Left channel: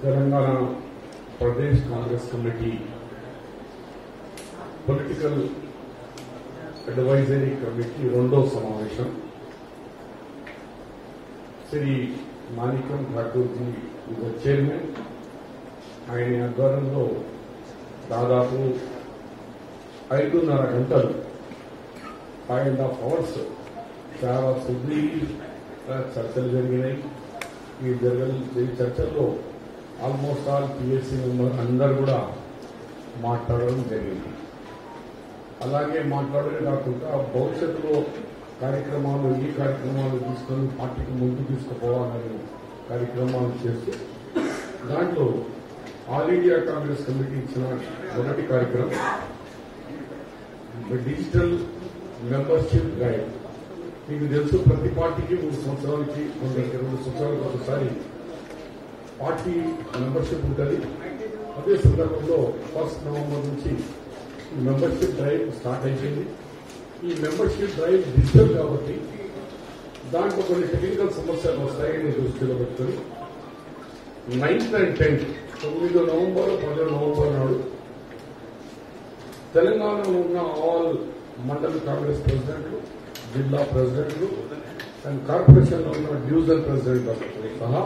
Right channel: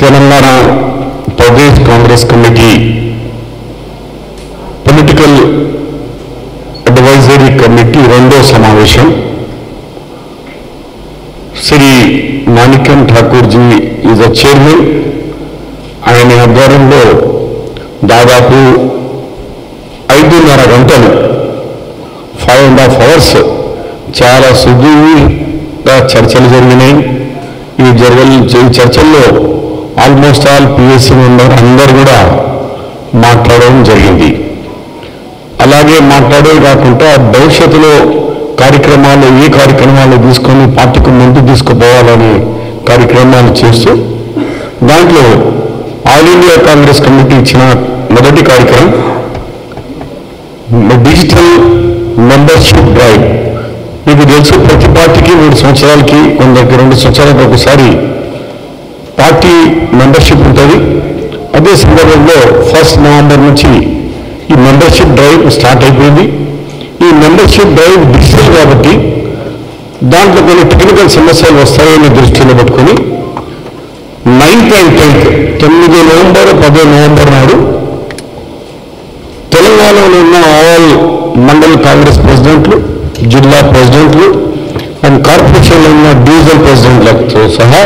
Telangana Pradesh Congress committee political advisory committee రెండో సమావేశం Shri Manickam Tagore ji is a chairman. ఆయన ఆధ్వర్యంలో దాదాపు 5.5 గంటలు 5.5 hours చాలా సుదీర్ఘంగా చర్చలు జరిగినాయి. ఈ చర్చల్లో ఆల్మోస్ట్ ఆల్ పిఎస్సీ మెంబర్ అందరూ కూడా మాట్లాడడం జరిగింది. అలాగే మాట్లాడే కాకుండా భవిష్యత్తులో కార్యక్రమాలు ఏ కార్యక్రమాలు తీసుకొని పార్టీకి ముందు తీసుకుపోవాలనే కార్యక్రమాలు చేస్తూ దాంట్లో ఆల్ ఇండియా కాంగ్రెస్ కమిటీ ఇచ్చిన మొదటి కార్యక్రమం డిజిటల్ మెంబర్షిప్ డ్రైవ్. మీకు తెలుసు, ప్రతి పార్టీకి 3 సంవత్సరాలకి, కొందరికి 2 సంవత్సరాలకు ఒకసారి పార్టీ మెంబర్షిప్ ఉంటుంది. అదే సందర్భంలో 1 నవంబర్ నుంచి ఈ మెంబర్షిప్ డ్రైవ్ స్టార్ట్ అయిపోయింది. ఈ మెంబర్షిప్ డ్రైవ్ డిజిటల్ కాబట్టి దాంట్లో కొన్ని టెక్నికల్ సమస్యలు వస్తాయని దృష్టిలో పెట్టుకొని 9th and 10th 9 November 10 November నాడు తెలంగాణలో ఉన్న ఆల్ మండల్ కాంగ్రెస్ ప్రెసిడెంట్లు, జిల్లా ప్రెసిడెంట్లు అండ్ కార్పొరేషన్లో ఉన్న డివిజన్ ప్రెసిడెంట్లతో సహా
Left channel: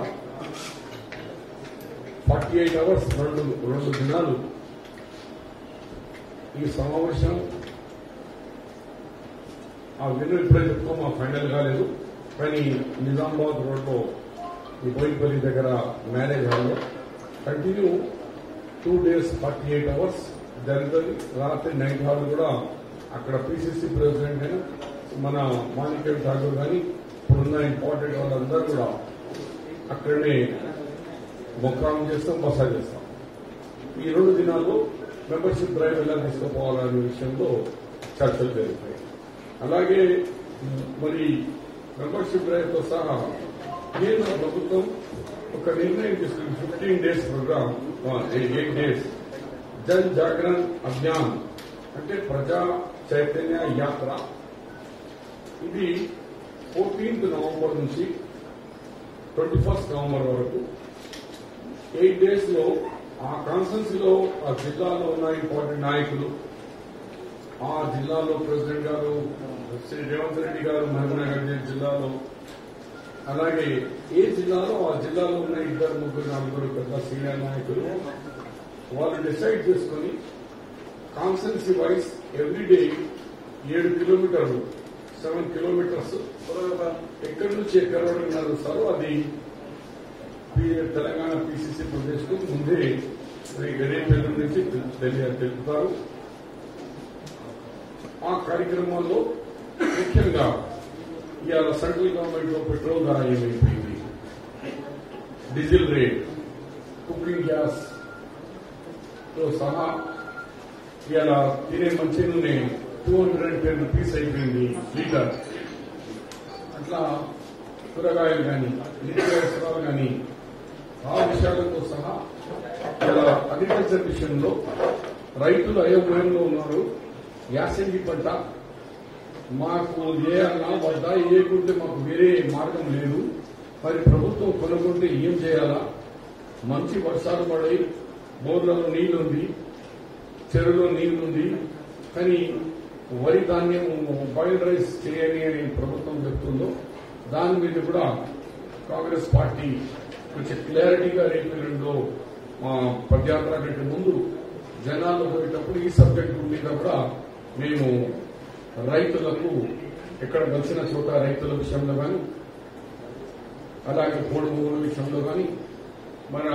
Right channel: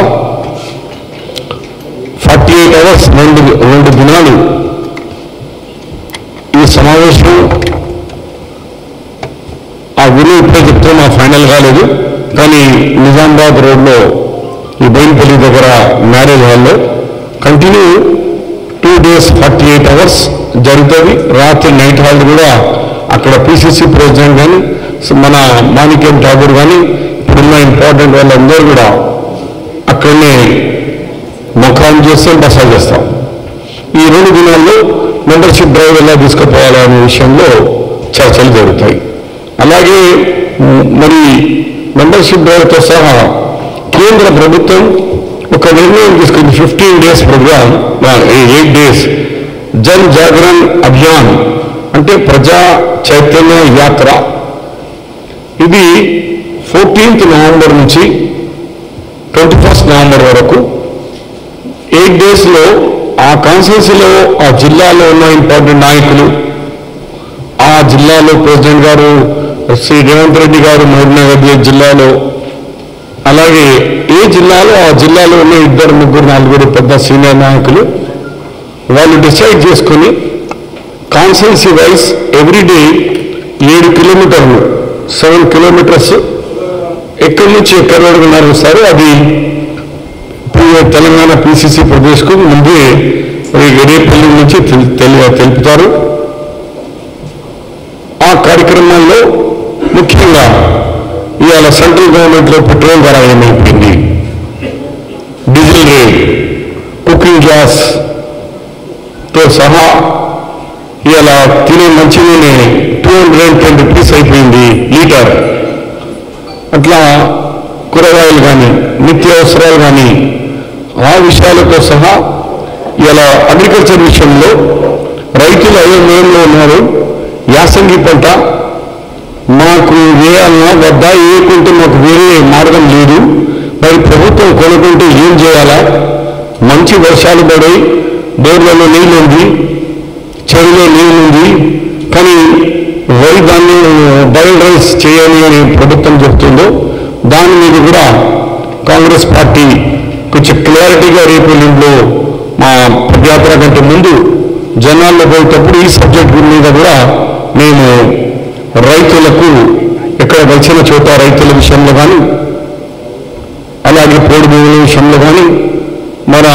48 hours 2 దినాలు ఈ సమావేశం. ఆ విలువ ఇప్పుడే చెప్తే మా ఫైనల్ కాలేదు, కానీ నిజామాబాద్ రోడ్లో ఈ బోయినపల్లి దగ్గర మ్యారేజ్ హాల్లో కంటిన్యూ 2 days 48 hours జరుగుతుంది. రాత్రి నైట్ హాల్ కూడా అక్కడ పిసిసి ప్రెసిడెంట్ కానీ మన మాణిక్యం ఠాకూర్ కానీ ఇప్పుడున్న ఇంపార్టెంట్ వాళ్ళందరూ కూడా అక్కడనే ముఖాన్ని చేస్తాం, బసలు చేస్తాం. ఈ 2 దినాల్లో మెంబర్షిప్ డ్రైవ్ ఎలా తీసుకుపోవాలనే విషయంలో చర్చలు జరుగుతాయి. అలాగే మరి మెంబర్షిప్ డ్రైవ్తో సహా కేంద్ర ప్రభుత్వం ఒక నిర్ణయం తీసుకుంది. 15 days program, 8 days Jan Jagran Abhiyan అంటే ప్రజా చైతన్య యాత్ర. ఇది 14th నవంబర్ నుంచి 21st నవంబర్ వరకు 8 daysలో ఆ కాన్స్టిట్యూన్సీలో ఆ జిల్లాలో ఉన్న ఇంపార్టెంట్ నాయకులు, ఆ జిల్లాలో ప్రెసిడెంట్ గారు శ్రీ రేవంత్ రెడ్డి గారు మహబూబ్నగర్ జిల్లాలో, అలాగే ఏ జిల్లాలో ఆ జిల్లాలో ఉన్న 2, 3, 4 పెద్ద సీనియర్ నాయకులు వాళ్ళు డిసైడ్ చేసుకుని కాన్స్టిట్యున్సీ వైజ్ ఎవ్రీడే 7 కిలోమీటర్లు 7 kilometers ఎక్కడి నుంచి ఎక్కడి వరకు నడుస్తారు. అది తెలంగాణ పిసిసి ప్రదేశ్కు ముందే రేపల్లి నుంచి తెలుపుతారు. ఆ కార్యక్రమాల్లో ముఖ్యంగా ఇవాళ సెంట్రల్ గవర్నమెంట్లో పెట్రోల్ ధర ఏమైపోయింది, డీజిల్ రేట్, కుకింగ్ గ్యాస్తో సహా ఇవాళ తినే మంచినూనె 210 rupees అయిపోయింది లీటర్. అట్లా కూరగాయలు కానీ నిత్యావసరాలు కానీ ఆ విషయాలతో సహా ఇలా అగ్రికల్చర్ విషయంలో రైతులు అయోమయంలో ఉన్నారు. యాసంగి పంట మాకు వేయాలన్నా వద్దా, వేయకుంటే మాకు వేరే మార్గం లేదు, మరి ప్రభుత్వం కొనుక్కుంటే ఏం చేయాలా? మంచి వర్షాలు పడి బోర్లలో నీళ్ళు ఉంది, చెరువులో నీళ్ళు ఉంది, కానీ వరి దాన్ని బాయిల్డ్ రైస్ చేయాలి అని ప్రభుత్వం చెప్తుందో దాని మీద కూడా కాంగ్రెస్ పార్టీ కొంచెం క్లారిటీగా రేపు ఎల్లుండిలో మా పదయాత్ర కంటే ముందు జనాల్లో పోయేటప్పుడు ఈ సబ్జెక్ట్ మీద కూడా మేము రైతులకు ఎక్కడ వచ్చిన చోట రైతుల విషయంలో కానీ అలాగే పోడు భూముల విషయంలో కానీ మన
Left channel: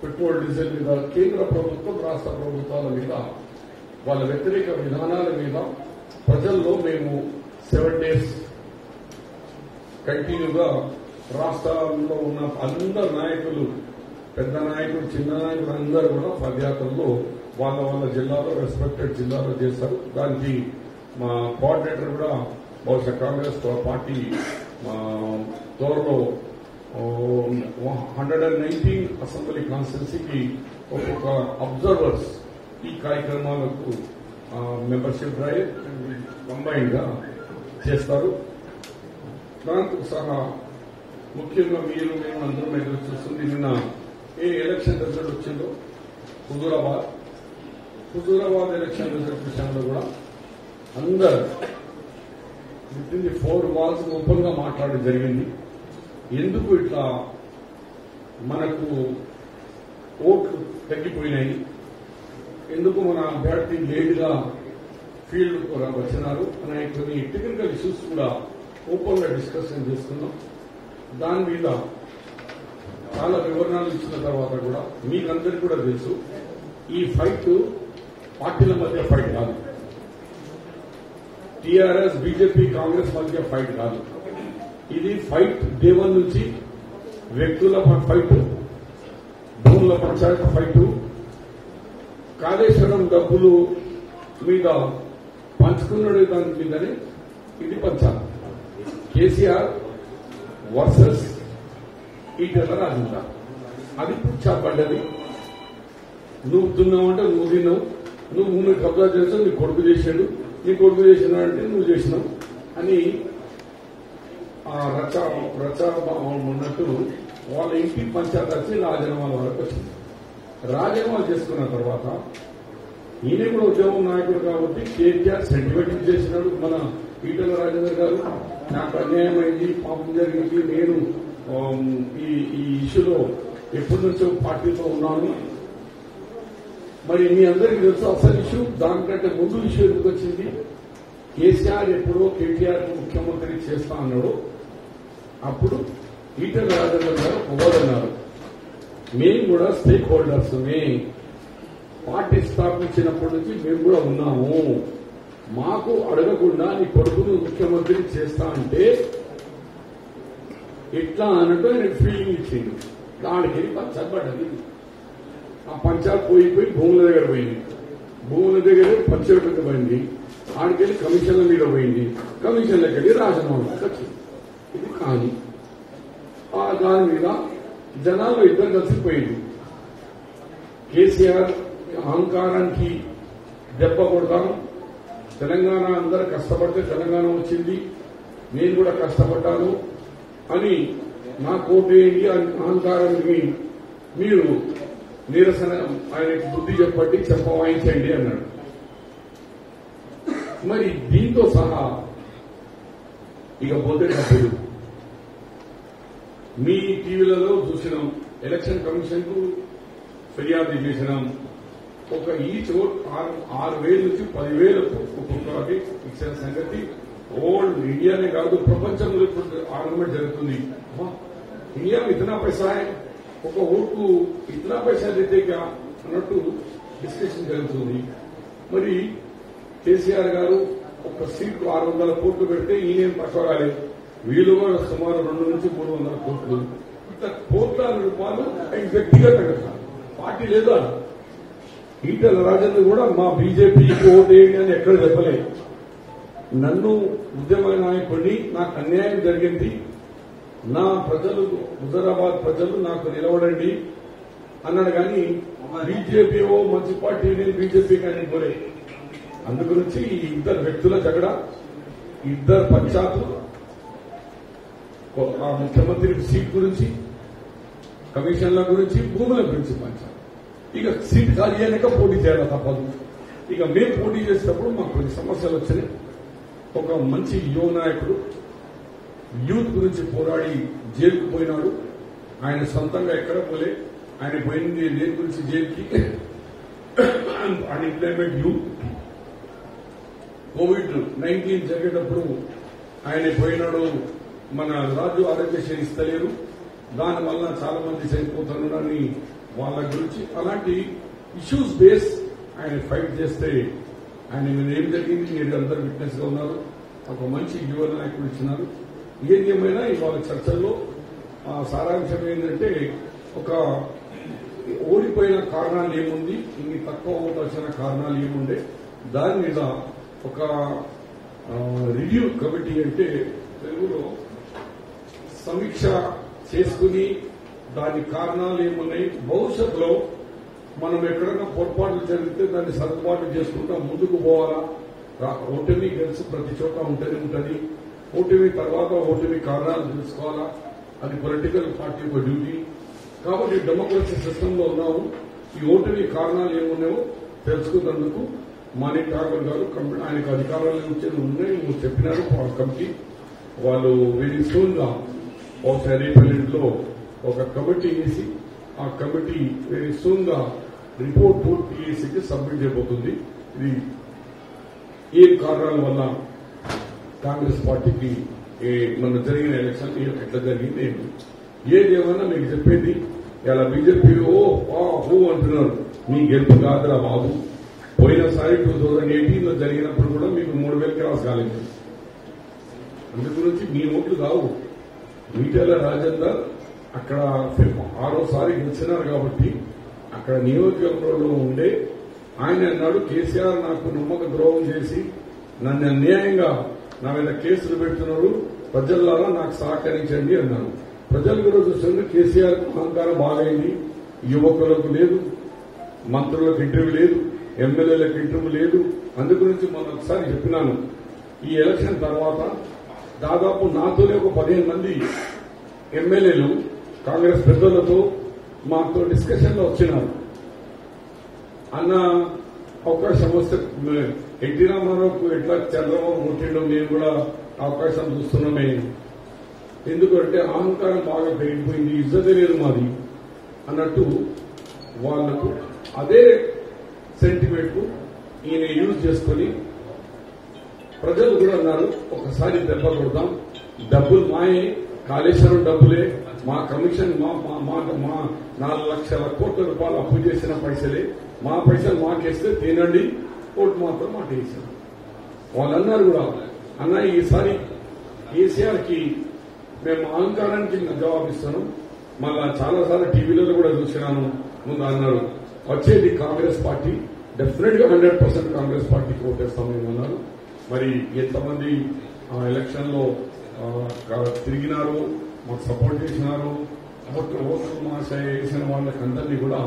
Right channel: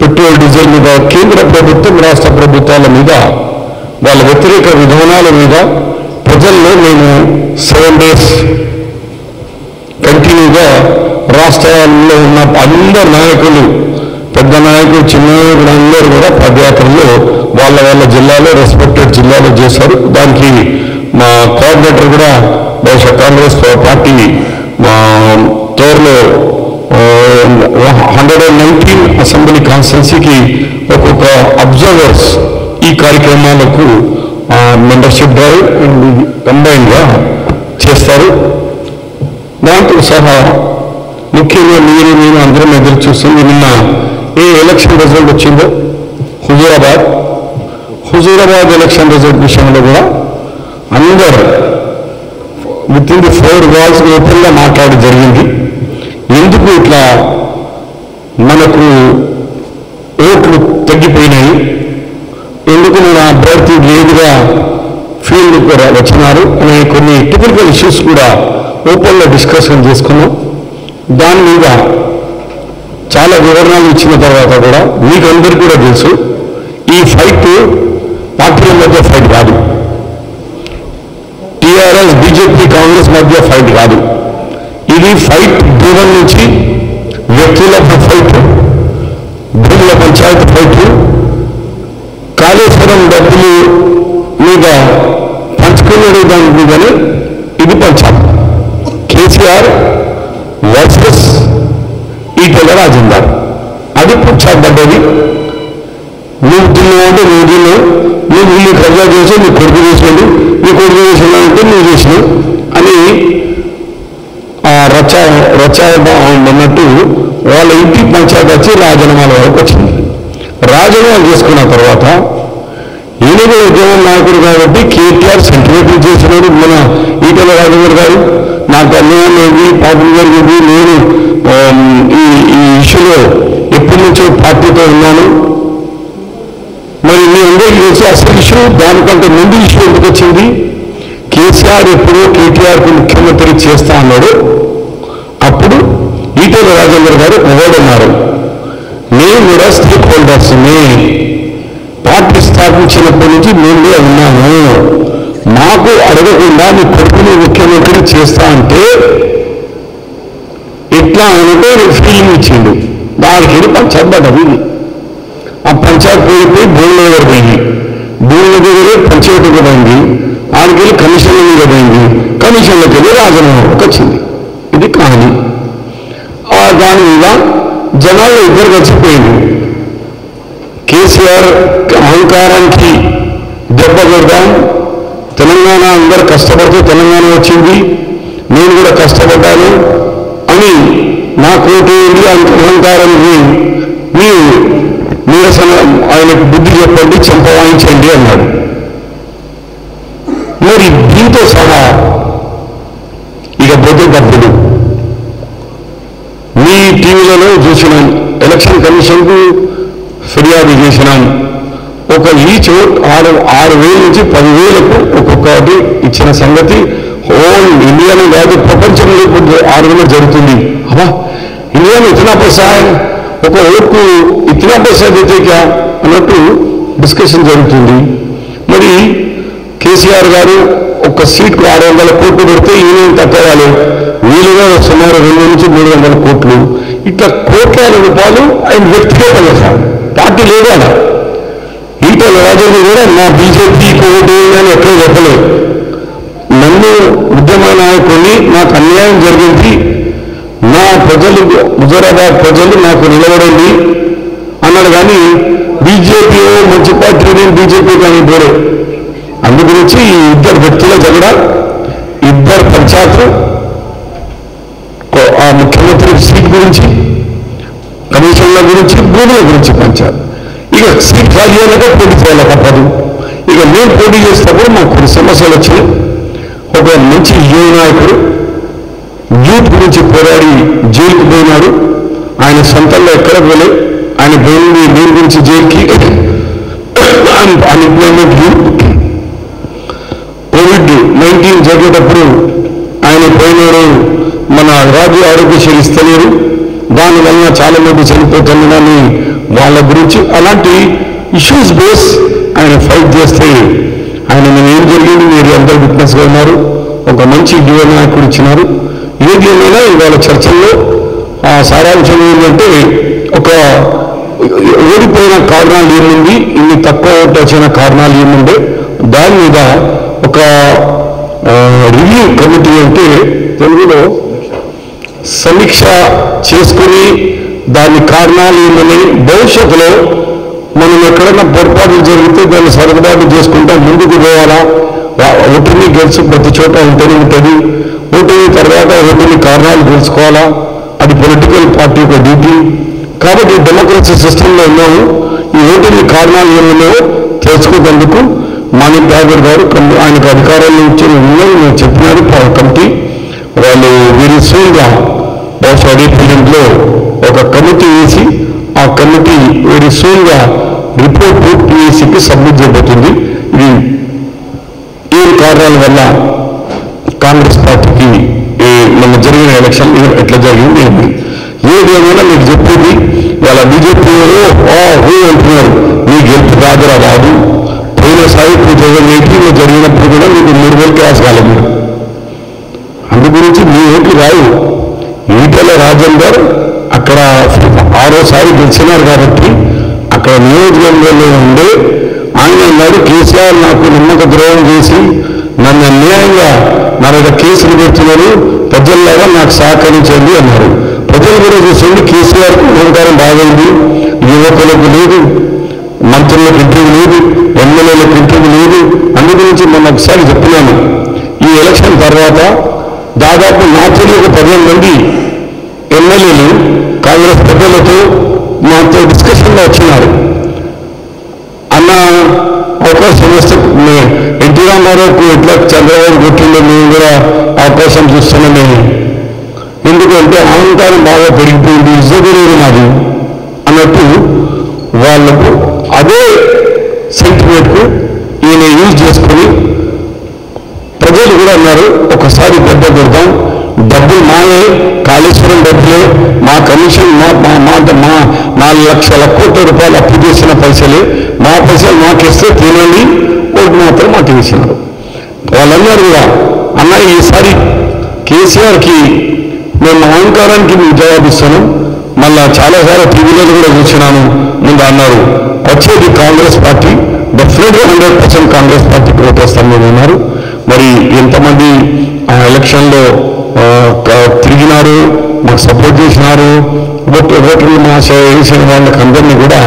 పెట్రోల్ డీజిల్ మీద కేంద్ర ప్రభుత్వం రాష్ట్ర ప్రభుత్వాల మీద వాళ్ళ వ్యతిరేక విధానాల మీద ప్రజల్లో మేము 7 days కంటిన్యూగా రాష్ట్రాల్లో ఉన్న అందరు నాయకులు, పెద్ద నాయకులు, చిన్న నాయకులు అందరూ కూడా పదయాత్రలో వాళ్ళ జిల్లాలో రెస్పెక్టెడ్ జిల్లాలో చేశారు. దానికి మా కోఆర్డినేటర్ కూడా బహుశా కాంగ్రెస్ పార్టీ మా త్వరలో 119 అసెంబ్లీ కాన్స్టిట్యున్సీకి ఒక్కొక్క అబ్జర్వర్స్ ఈ కార్యక్రమాలకు మెంబర్షిప్ డ్రైవ్ కంబైన్గా చేస్తారు. దాంతో సహా ముఖ్యంగా మీరు నేను అందరం ఎదురు చూస్తుంది. నిన్న ఏ ఎలక్షన్ రిజల్ట్ వచ్చిందో హుజూరాబాద్ ఎలక్షన్ రిజల్ట్ విషయంలో కూడా అందరూ విత్ ఇన్ ది 4 walls ఓపెన్గా మాట్లాడి జరిగింది. ఎందుకు ఇట్లా మనకు ఓట్లు తగ్గిపోయినాయి, ఎందుకు మన అభ్యర్థి లేదుగా ఫీల్డ్ కూడా వచ్చినారు అనే కొన్ని టెక్నికల్ ఇష్యూస్ కూడా ఓపెన్గా డిస్కషన్ చేసుకున్నాం. దాని మీద చాలా వివరణలు ఇచ్చిన తర్వాత కూడా మీకు అందరికీ కూడా తెలుసు, ఈ ఫైట్ పార్టీల మధ్య ఫైట్ కాదు, టీఆర్ఎస్ బీజేపీ కాంగ్రెస్ మధ్య ఫైట్ కాదు. ఇది ఫైట్ దూరం నుంచి వ్యక్తుల ఫైట్, భూముల పంచాయతీ ఫైట్, కాళేశ్వరం డబ్బులు మీద పంచుకునే దాని మీదనే ఇది పంచాలి. కేసీఆర్ వర్సెస్ ఈటెల రాజేందర్, అది పంచాబడ్డది. నువ్వు తిన్నావు అంటే నువ్వు తిన్నావు, నువ్వు ఇల్లు కబ్జా చేసావు, నీ కొడుకు చేసాడు, నీ కొడుకు చేసినావు అంటే నువ్వు చేసినావు అని అన్నట్టు వాళ్ళ ఇంటి పంచాయతీ వచ్చి రాజీనామాల వరకు వచ్చింది. రాజీనామా చేసుకున్న తర్వాత ఈయన ఉద్యమం నాయకుడు కాబట్టి కేటీఆర్ సెంటిమెంట్ చేసినాడు. మన ఈటెల రాజేందర్ గారు నాకు అన్యాయం అయింది, పాపం జరిగింది, నేను ఈ ఇష్యూలో ఎప్పటి నుంచో పార్టీతో ఉన్నాను. మరి మీ అందరికీ తెలిసి అసలు ఇష్యూ దానికంటే ముందు ఇష్యూ ఎందుకు వచ్చింది? కేసీఆర్ ఎప్పుడో కేటీఆర్కు ముఖ్యమంత్రి చేస్తా అన్నాడు. అప్పుడు ఈటెల రాజేందర్ గారు ఎవరున్నారు, మేము కూడా స్టేక్ హోల్డర్స్ని, పార్టీ స్థాపించినప్పటి నుంచి మేమే ఉన్నాము, మాకు అడగకుండా మీ కొడుకుని ముఖ్యమంత్రి చేస్తా అంటే ఎట్లా అంటే ఫీలింగ్ ఇచ్చిండు. దానికి పంచాయతీ ఆ పంచాయతీ పోయిపోయి భూముల దగ్గర పోయింది, భూముల దగ్గరే పంచాయతీకి పోయింది, ఆడికి వెళ్ళి కమిషన్ల మీద పోయింది, కమిషన్లకు వెళ్ళి రాజీనామాకి వచ్చింది. ఇది కహాని. దాని మీద జనాలు ఇద్దరు కలిసిపోయింది. కేసీఆర్ అహంకారానికి దెబ్బ కొడదాం, తెలంగాణ అందరు కష్టపడితే తెలంగాణ వచ్చింది, నేను కూడా కష్టపడ్డాను అని నా కోటి అహంకారానికి మీరు నిరసన ఆయనకు బుద్ధి చెప్పండి, చెంపవాయించండి అన్నాడు. మరి దీంతో సహా ఇక పోతే డబ్బులు మీ టీవీలలో చూసినాం, ఎలక్షన్ కమిషన్కు ఫిర్యాదు చేసినాం. ఒక ఈచ్ 6,000 నుంచి 10,000కు ఒక్కొక్కటి ఇచ్చిన సంగతి హోల్ ఇండియాలో కాదు ప్రపంచంలో ఇప్పుడు 6 జరుగుతుంది. అబ్బా ఇండియాలో ఇతనా పైసా, ఒక ఓటుకు ఇతనా పైసా దేతే క్యా అన్నట్టు డిస్కషన్ జరుగుతుంది. మరి కేసీఆర్ గారు ఒక సీట్కు 600 కోట్లు పెడితే ఈయన తగ్గవాలి, వీలుగా సుమారు 200 నుంచి 300 కోట్లు, ఇట్లా కోట్ల రూపాయలు ఆయన వ్యక్తిగతంగా, పార్టీ లేదు అలా. ఈటెల రాజేందర్ కూడా నా బీజేపీకి ఓటు అని ఎక్కడ చెప్పలేదు. నన్ను ఉద్యమ నాయకుడిని, నాకు అన్యాయం జరిగింది, నా ప్రజలు హుజూరాబాద్ ప్రజలు నాకు నిలబడండి అన్నాడు. కానీ బీజేపీ మంచి పార్టీ, నేను బీజేపీ కానీ పోలే. అందు గురించి ఈ ఇద్దరు వ్యక్తుల జగడ, ఇద్దరు పంచాయతీలు, ఆ ముఖ్యమంత్రి సీట్ గురించి, కమిషన్ల గురించి, భూముల గురించి పంచాయతీ. ఇక సీట్ ఖాళీ అయ్యాక పోటీ చేయాలి తప్పదు. ఇక మేము పోటీ చేసినప్పుడు మాకు కొన్ని సమస్యలు వచ్చినాయి. ఒక మంచి యువ నాయకుడు యూత్ గురించి పోరాడి జైలుకు పోయినాడు. ఆయన సొంతంలో ఎక్కడ పోలే, ఆయన పోయింది దేని గురించి జైలుకి, అన్ఎంప్లాయ్మెంట్ యూత్. కోవిడ్-19 జరిగేటప్పుడు ఆయన పోయినాడు, మన రాజు ఆరోగ్యశ్రీ ఇస్తలేరు, దానివల్ల చాలా మంది చనిపోతున్నారని వాళ్ళ గురించి అలాంటి ఇష్యూస్ బేస్ ఆయన ఫైట్ చేస్తే ఆయన ఏం జరిగింది మీరు అందరూ విట్నెస్గా ఉన్నారు. ఒక మంచి యువ నాయకుడు ఇచ్చినారు. ఏది ఏమైనా ఇవాళ చర్చల్లో ఆ సారాంశం ఏంటంటే, ఒక ఓడిపోయిన కారణాలు ఏముంది, ఇన్ని తక్కువ ఓటు వచ్చిన కారణాలు ఏముండే, దాని మీద ఒక రివ్యూ కమిటీ అంటే తెలుగులో సమీక్ష చేసుకుని దాని కారణాలు ఏమని భవిష్యత్తులో మనం ఎక్కడైనా పొరపాట్లు జరిగితే దాన్ని సర్దుబాటు చేసుకుంటా ముందుకు పోవాలా. ఓటుని గెలుచు ప్రతి చోట ఉంటూనే ఉంటుంది, ఓటుని తర్వాత ఓటుని కారణాలు తెలుసుకోవాలా, అది పొలిటికల్ పార్టీ యొక్క డ్యూటీ. కాబట్టి డెమోక్రసీ సిస్టంలో ఉన్నాము. ఈ ఓటింగ్ కారణాలు ఏమన్నాయో తెలుసుకునేందుకు మాణిక్ ఠాగూర్ గారు ఆయనకు అధికారాలు ఇచ్చిన నేను చెప్పినారు కమిటీ. వాళ్ళు వీరి సూన్గా బహుశా డిపార్ట్మెంట్లో ఒక కమిటీ వేసి ఆ కమిటీ వీరి సూన్గా రిపోర్ట్ పిఎస్సికి సబ్మిట్ చేయబోతుంది. ఇది ఏం కారణాల వల్ల కాంగ్రెస్ పార్టీకి మన జరిగిన ఎలక్షన్ ఎట్లా జరిగింది ఏదేమైనా మీకు చెప్పింది. వాళ్ళ బీజేపీ అంటున్నారు మీ గెలుపు రాదురా రాదు. పోయినసారి 2018లో జరిగినప్పుడు కూడా మీకు 3,000 క్రాస్ కాలేదు. అందు గురించి మీ ఓట్లు రావు. ఈటెల రాజేందర్ అక్కడ 6వ గెలిచినారు కాబట్టి అక్కడ నియోజకవర్గంలో ఉండే ఆయన అన్నాడు కేసీఆర్ నాకు నమ్మక ద్రోహం చేసి నన్ను అన్యాయంగా నా మీద కేసులు పెడుతున్నారు, ప్రజల్లాగా నాకు సహకరించండి అన్నారు. ప్రజలు కూడా చూసండి కేసీఆర్కు అహంకారం బాగైంది. యువకులకు లేదు, మంత్రులకు ఇంటికి లేదు, ఎమ్మెల్యేలకు ఇంటికి లేదు. అందు గురించి మొన్న ఒకసారి చెప్పినాను. ఈ ఎలక్షన్ తర్వాత దాదాపు నా తెలియక 15 మంది ఎమ్మెల్యేలు కాంగ్రెస్ పెద్దలతో మాతో డిస్కషన్లో వచ్చినారు. అన్న అవకాశం వస్తే ఎన్టీ రామారావుకు ఎట్లా చంద్రబాబు కొట్టిందో మేము కూడా అవకాశం చూస్తున్నామే. ఎందుకంటే అహంకారం బాగా పెరిగిపోయింది, ఇజ్జలేదు నాది అన్నట్టు వాళ్ళకు అదే సెంటిమెంట్కు ఈయన యూజ్ చేసుకొని ప్రజలు కూడా అన్నారు ఒకసారి దెబ్బ కొడతాం, డబ్బులు మాయే, కాళేశ్వరం డబ్బులే, మా కమిషన్ మా 4 లక్షల కోట్ల రూపాయలు అప్పు చేసిన పైసలే, మా పైసలు మాకిస్తే తినండి, ఓటు మాత్రం మాకు వేసినారు. వాళ్ళన్నారు కూడా అన్న ఈసారి కేసీఆర్కి మేము అహంకారానికి మేము జవాబిస్తున్నాం. మళ్ళా చాలాసార్లు టీవీలలో కూడా చూసినాను. ముందు అన్నారు వచ్చేది కాంగ్రెస్ పార్టీ, డెఫినెట్గా 100% కాంగ్రెస్ పార్టీకి ఓటేస్తామని అన్నారు. మరి ఎంతమంది ఆ ఎలక్షన్లో తిరిగినారు, మాకు సపోర్ట్ చేసినారు, ఓటర్లు మా వేసిన వాళ్ళకందరినీ కూడా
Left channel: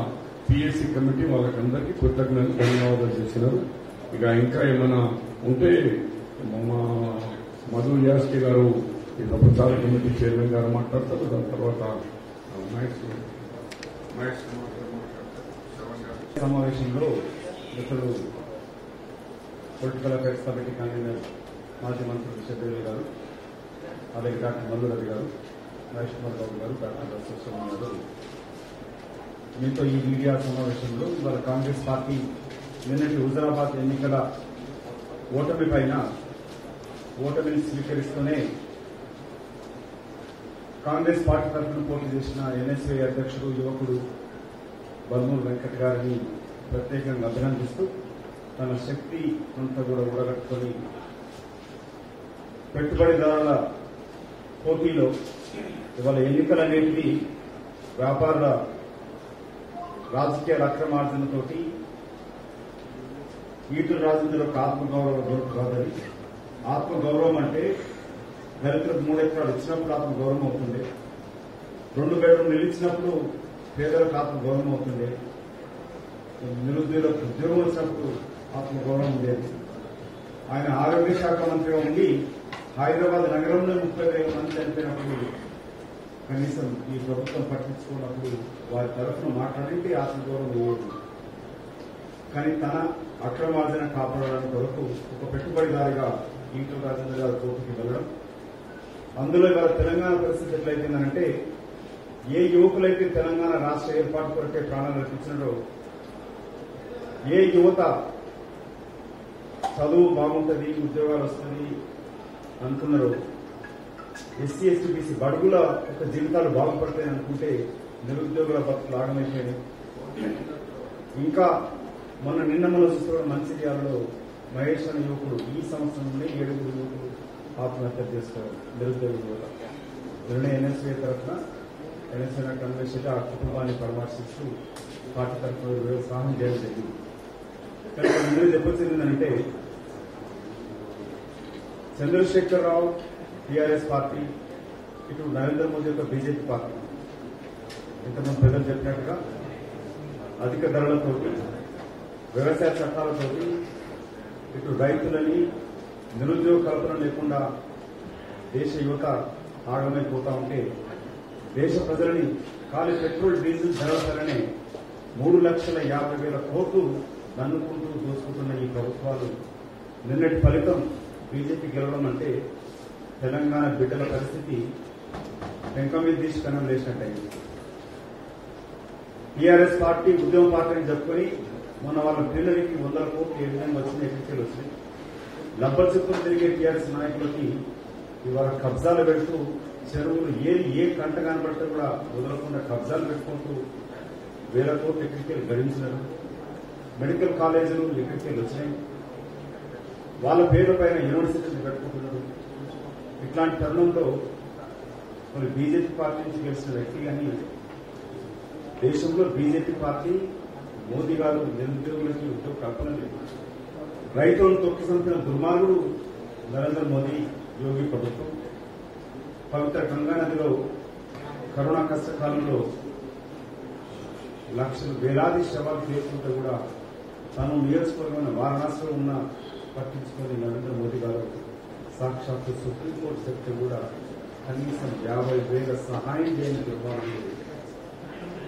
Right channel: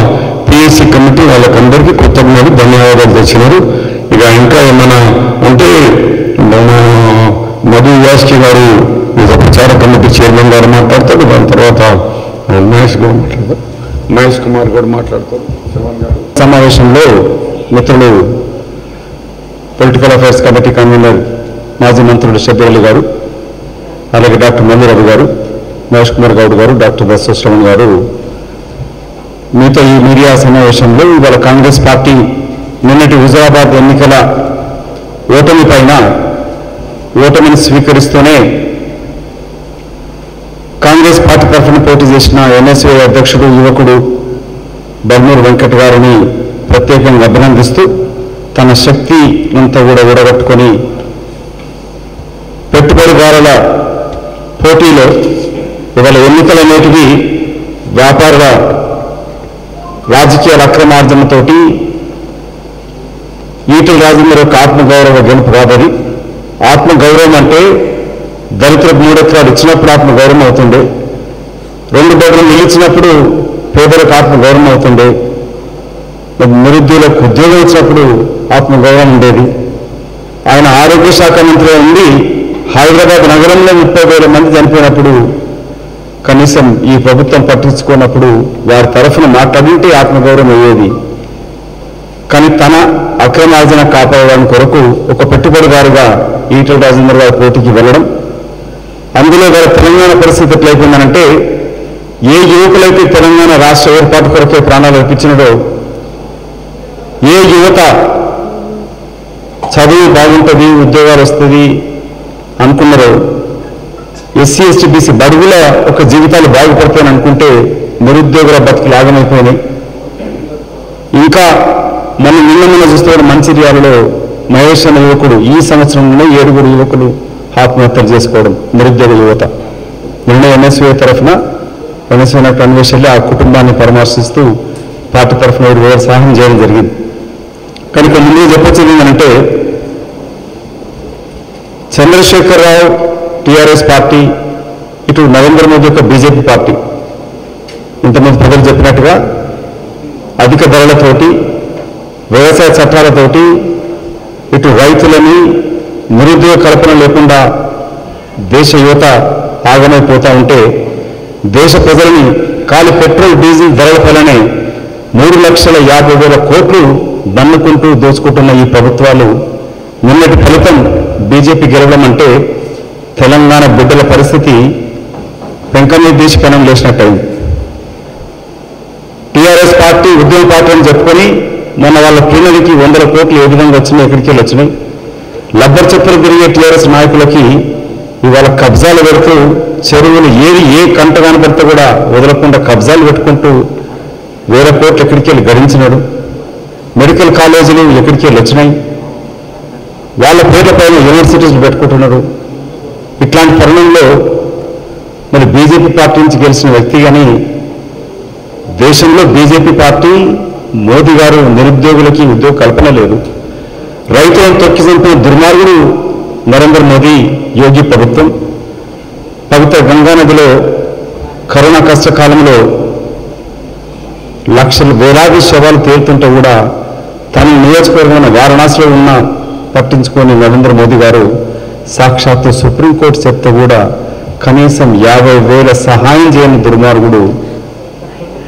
పిఎస్సి కమిటీ వాళ్ళకందరికీ కృతజ్ఞతలు ధన్యవాదాలు తెచ్చినారు. ఇక ఇంకా ఏమైనా ఉంటే మన మధు యాస్కి గారు ప్రచార కమిటీ చైర్మన్ గారు మాట్లాడతారు. దాని తర్వాత మహేష్ కుమార్ గారు మాట్లాడతారు. సమావేశంలో మిత్రులు పొలిటికల్ అఫైర్స్ కమిటీ కన్వీనర్ మాజీ మంత్రులు షబ్బీర్ గారు, అలాగే డాక్టర్ మల్లిరవి గారు, మహేష్ కుమార్ గౌడ్ గారు, డాక్టర్ దశశ్రవణ్ గారు మీతో ఈ మీడియా సమావేశంలో ఇవాళ కాంగ్రెస్ పార్టీ నిన్నటి హుజరాబాద్ ఎన్నికల ఓటమి పైన ఓటమిని స్వీకరిస్తూనే కాంగ్రెస్ పార్టీ తరఫున పోటీ చేసిన ఎన్ఎస్ఏ అధ్యక్షుడు యువకుడు బర్నూరు వెంకట్ గారిని ప్రత్యేకంగా అభినందిస్తూ తన శక్తి అంతా కూడా ఊడగట్టుకొని పెట్టుబడిదారుల పోటీలో ఇవాళ ఎన్నికలనేటివి వ్యాపారుల రాజకీయ అక్రమార్జనతోటి ఈటెల రాజేందర్ యొక్క ఆత్మగౌరవ గెలుపు కాదని. ఆత్మగౌరవం అంటే దళితులకు 3 ఎకరాలు ఇచ్చినప్పుడు ఆత్మగౌరవం అవుతుండే, 2 బెడ్రూమ్లు నిలిచినప్పుడు పేదలకు ఆత్మగౌరవం అవుతుండే, నిరుద్యోగులకు ఉద్యోగం ఇచ్చినప్పుడు ఆత్మగౌరవం ఉండేది. ఆయన ఆరోగ్య శాఖ మంత్రి ఉండి హైదరాబాద్ నగరంలో 30,000 మంది చనిపోయినప్పుడు కనీసం ఈ ప్రభుత్వం పట్టించుకున్నప్పుడు వారి తరఫున మాట్లాడింటే ఆత్మగౌరవం అయ్యేది. కానీ తన అక్రమార్జన కాపాడడానికి కొరకు ఒక పెట్టుబడిదారుగా ఈటెల రాజేందర్ గారి పోటీకి వెళ్ళడం, అందులో గారి తెలంగాణ పరిస్థితి ఎట్లయిపోయిందనంటే ఏ యువకులైతే తెలంగాణ రాష్ట్ర ఏర్పాటు కొరకే ప్రాణాలు అర్పించినడో, ఏ యువత చదువు బాగుంటుంది ఉద్యోగాలు వస్తుంది అనుకున్నారో, ఎస్సీ ఎస్టీ బీసీ బడుగుల ఒక జీవితాలు బాగుపడతాయని అనుకుంటే నిరుద్యోగుల బతుకులు ఆగమైపోయినాయి. ఇంకా మనం నిన్న చూస్తే మంచిర్యాలలో మహేష్ అనే యువకుడు ఈ సంవత్సరంలో 7 యువకులు ఆత్మహత్యలు చేసుకోవడం, నిరుద్యోగ యువత. నిన్న ఎన్ఎస్ఏ తరఫున ఎన్ఎస్ఏ కన్వెన్షన్లో ఆ కుటుంబాన్ని పరామర్శిస్తూ పార్టీ తరఫున 7,000 సహాయం చేయడం జరిగింది. కనుక ముందు చెప్పొచ్చేది ఏంటంటే చంద్రశేఖరరావు టీఆర్ఎస్ పార్టీ, ఇటు నరేంద్ర మోదీ యొక్క బీజేపీ పార్టీ ఇంతమంది ప్రజలు చెప్పినట్టుగా అధిక ధరలతోటి, వ్యవసాయ చట్టాలతోటి ఇటు రైతులని నిరుద్యోగ కల్పన లేకుండా దేశ యువత ఆగమైపోతూ ఉంటే దేశ ప్రజలని కాలి పెట్రోల్ డీజిల్ ధరలపైనే 3,50,000 కోట్లు దన్నుకుంటూ దోచుకుంటున్న ఈ ప్రభుత్వాలు నిన్నటి ఫలితం బీజేపీ గెలవడం అంటే తెలంగాణ బిడ్డల పరిస్థితి వెంకన్న దేశ పెనం లేచినట్టయింది. టీఆర్ఎస్ పార్టీ ఉద్యమ పార్టీ అని చెప్పుకొని మొన్న వాళ్ళ ప్లీనరీకి 100 కోట్లు ఏ విధంగా వచ్చినాయి, ఎక్కడికి వెళ్ళి వచ్చినాయి. లబ్బర్ చెప్పులు తిరిగే టీఆర్ఎస్ నాయకులకి ఇవాళ కబ్జాలు పెడుతూ చెరువులు ఏ కంట కనబడితే కూడా వదలకుండా కబ్జాలు పెట్టుకుంటూ 1,000 కోట్లు ఎక్కడికి వెళ్ళి గడించినాడు. మెడికల్ కాలేజీలు ఎక్కడికి వెళ్ళి వచ్చినాయి. వాళ్ళ పేర్ల పైన యూనివర్సిటీలు పెట్టుకుంటున్నారు. ఇట్లాంటి తరుణంలో మరి బీజేపీ పార్టీ నుంచి గెలిచిన వ్యక్తి కానీ దేశంలో బీజేపీ పార్టీ మోదీ గారు నిరుద్యోగులకి ఉద్యోగ కల్పన లేదు. రైతులను తొక్కి చంపిన దుర్మార్గుడు నరేంద్ర మోదీ యోగి ప్రభుత్వం. పవిత్ర గంగానదిలో కరోనా కష్టకాలంలో వేలాది శవాలు తేలుతుంటే కూడా తన నియోజకవర్గమైన వారణాసిలో ఉన్న పట్టించుకొని నరేంద్ర మోదీ గారు సాక్షాత్తు సుప్రీంకోర్టు చెప్తే కూడా కనీసం 50,000 సహాయం చేయని దుర్మార్గుడు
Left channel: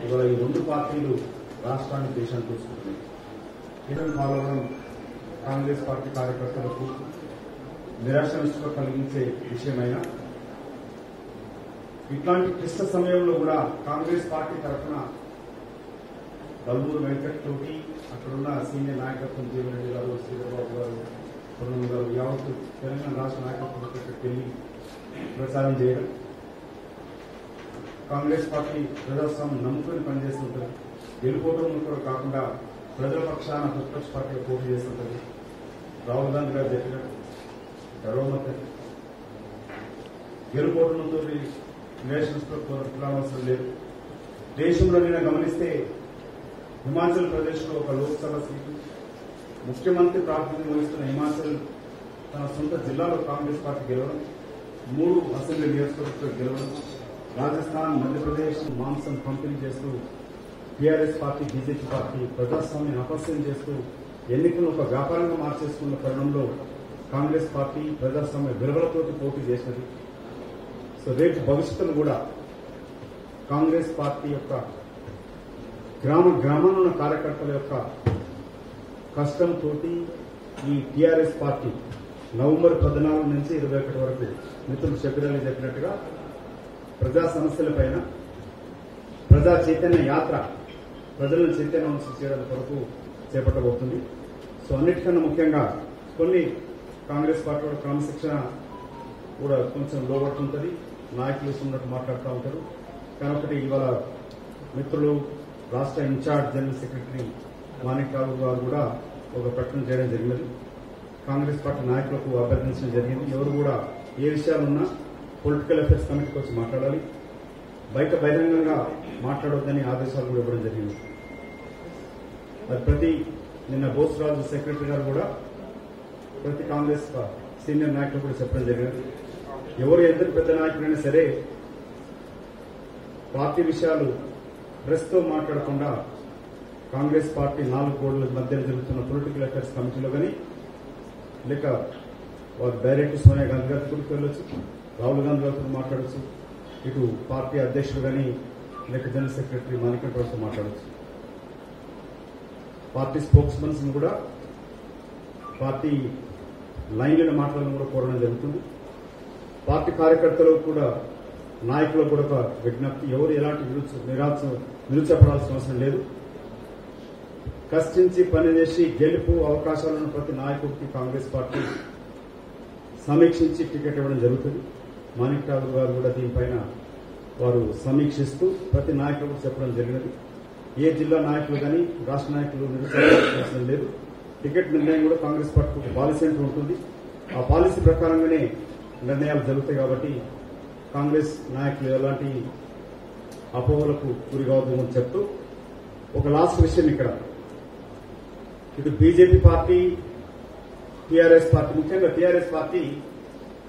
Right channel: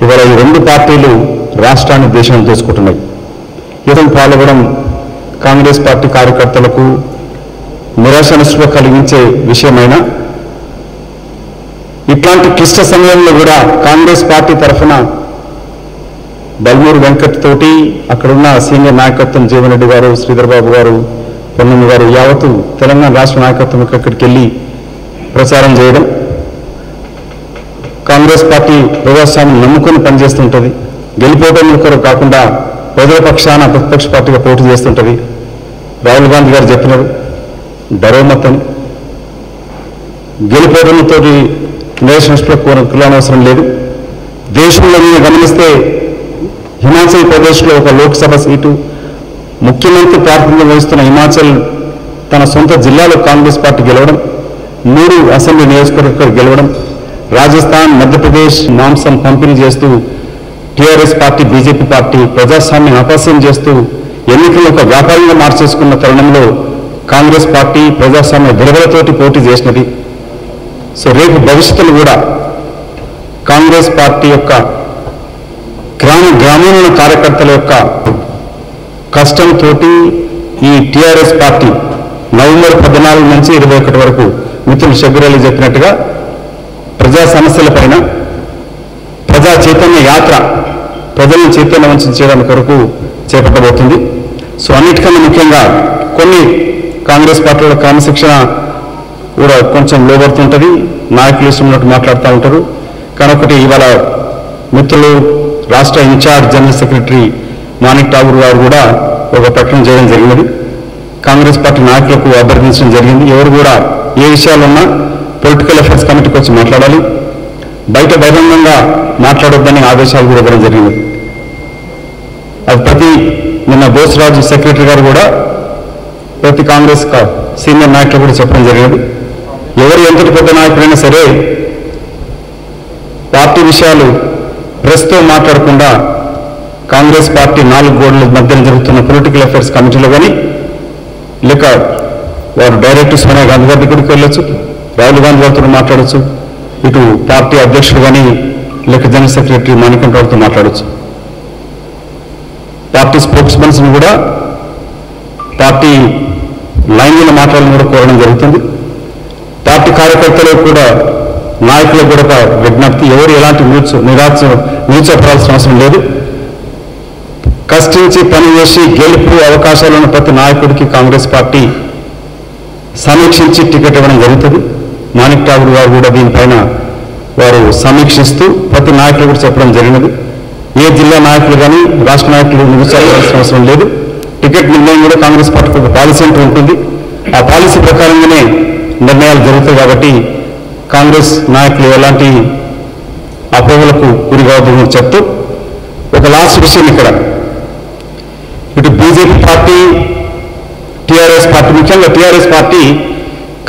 ఇవాళ ఈ రెండు పార్టీలు రాష్ట్రాన్ని దేశాన్ని దోచుకుంటున్నాయి. ఇతను పాల్గొనడం కాంగ్రెస్ పార్టీ కార్యకర్తలకు నిరాశ నిస్పృహ కలిగించే విషయమైనా ఇట్లాంటి క్లిష్ట సమయంలో కూడా కాంగ్రెస్ పార్టీ తరఫున బల్మూరు వెంకట్ తోటి అక్కడున్న సీనియర్ నాయకత్వం జీవన్ రెడ్డి గారు, శ్రీధర్ బాబు గారు, పొన్నమ్మ గారు యావత్తు తెలంగాణ రాష్ట్ర నాయకత్వం అక్కడికి వెళ్ళి ప్రచారం చేయడం. కాంగ్రెస్ పార్టీ ప్రజాస్వామ్యం నమ్ముకొని పనిచేస్తుంటుంది. గెలిపోవడం కొరకు కాకుండా ప్రజల పక్షాన ప్రతిపక్ష పార్టీగా పోటీ చేస్తుంటుంది. రాహుల్ గాంధీ గారు చెప్పినారు డరోమత్ అని. గెలిపోవడంతో నిరసనకు అవసరం లేదు. దేశంలో మీరు గమనిస్తే హిమాచల్ ప్రదేశ్లో ఒక లోక్సభ సీటు ముఖ్యమంత్రి ప్రాతినిధ్యం వహిస్తున్న హిమాచల్ తన సొంత జిల్లాలో కాంగ్రెస్ పార్టీ గెలవడం, 3 అసెంబ్లీ నియోజకవర్గాలు గెలవడం, రాజస్థాన్, మధ్యప్రదేశ్ మాంసం పంపిణీ చేస్తూ టీఆర్ఎస్ పార్టీ బీజేపీ పార్టీ ప్రజాస్వామ్యం అపహాస్యం చేస్తూ ఎన్నికలను ఒక వ్యాపారంగా మార్చేసుకున్న తరుణంలో కాంగ్రెస్ పార్టీ ప్రజాస్వామ్య విలువలతోటి పోటీ చేసినది. సో రేపు భవిష్యత్తులో కూడా కాంగ్రెస్ పార్టీ యొక్క గ్రామీణ కార్యకర్తల యొక్క కష్టంతో ఈ టీఆర్ఎస్ పార్టీ నవంబర్ 14 నుంచి 21 వరకు మిత్రులు షబ్బీర్ అలీ చెప్పినట్టుగా ప్రజా సమస్యలపైన ప్రజా చైతన్య యాత్ర ప్రజలను చైతన్యవంతం చేయడానికి కొరకు చేపట్టబోతుంది. సో అన్నిటికన్నా ముఖ్యంగా కొన్ని కాంగ్రెస్ పార్టీల క్రమశిక్షణ కూడా కొంచెం లోబడుతుంటుంది. నాయకులు ఇష్టం ఉన్నట్టు మాట్లాడుతూ ఉంటారు. కానీ ఒకటి ఇవాళ మిత్రులు రాష్ట్ర in charge general secretary Manik Tagore గారు కూడా ఒక ప్రకటన చేయడం జరిగినది. కాంగ్రెస్ పార్టీ నాయకులకు అభ్యర్థించడం జరిగింది. ఎవరు కూడా ఏ విషయాలున్నా పొలిటికల్ అఫైర్స్ కమిటీకి వచ్చి మాట్లాడాలి, బయట బహిరంగంగా మాట్లాడొద్దని ఆదేశాలు కూడా ఇవ్వడం జరిగింది. అది నిన్న బోసరాజు సెక్రటరీ గారు కూడా ప్రతి కాంగ్రెస్ సీనియర్ నాయకులు కూడా చెప్పడం జరిగింది. ఎవరు ఎంతటి పెద్ద నాయకుడైనా సరే పార్టీ విషయాలు ప్రెస్తో మాట్లాడకుండా కాంగ్రెస్ పార్టీ 4 గోడల మధ్యన జరుగుతున్న పొలిటికల్ అఫైర్స్ కమిటీలో కానీ లేక వారు డైరెక్ట్ సోనియా గాంధీ గారి దగ్గరికి వెళ్ళొచ్చు, రాహుల్ గాంధీ గారితో మాట్లాడచ్చు, ఇటు పార్టీ అధ్యక్షుడు కానీ లేక జనరల్ సెక్రటరీ మాణిక్ గారితో మాట్లాడచ్చు. పార్టీ స్పోక్స్ పర్సన్ కూడా పార్టీ లైన్లో మాట్లాడాలని కూడా కోరడం జరుగుతుంది. పార్టీ కార్యకర్తలకు కూడా నాయకులకు కూడా ఒక విజ్ఞప్తి, ఎవరు ఎలాంటి నిరుత్సాహపడాల్సిన అవసరం లేదు. కష్టించి పనిచేసి గెలుపు అవకాశాలున్న ప్రతి నాయకుడికి కాంగ్రెస్ పార్టీ సమీక్షించి టికెట్ ఇవ్వడం జరుగుతుంది. మాణిక్ ఠాగూర్ గారు కూడా దీనిపైన వారు సమీక్షిస్తూ ప్రతి నాయకులు కూడా చెప్పడం జరిగినది. ఏ జిల్లా నాయకులు కానీ రాష్ట్ర నాయకులు నిరుత్సాహపడాల్సిన అవసరం లేదు. టికెట్ నిర్ణయం కూడా కాంగ్రెస్ పార్టీకి ఒక పాలసీ అంటూ ఉంటుంది. ఆ పాలసీ ప్రకారంగానే నిర్ణయాలు జరుగుతాయి. కాబట్టి కాంగ్రెస్ నాయకులు ఎలాంటి అపోహలకు గురి కావద్దని చెప్తూ ఒక లాస్ట్ విషయం ఇక్కడ, ఇటు బీజేపీ పార్టీ టీఆర్ఎస్ పార్టీ, ముఖ్యంగా టీఆర్ఎస్ పార్టీ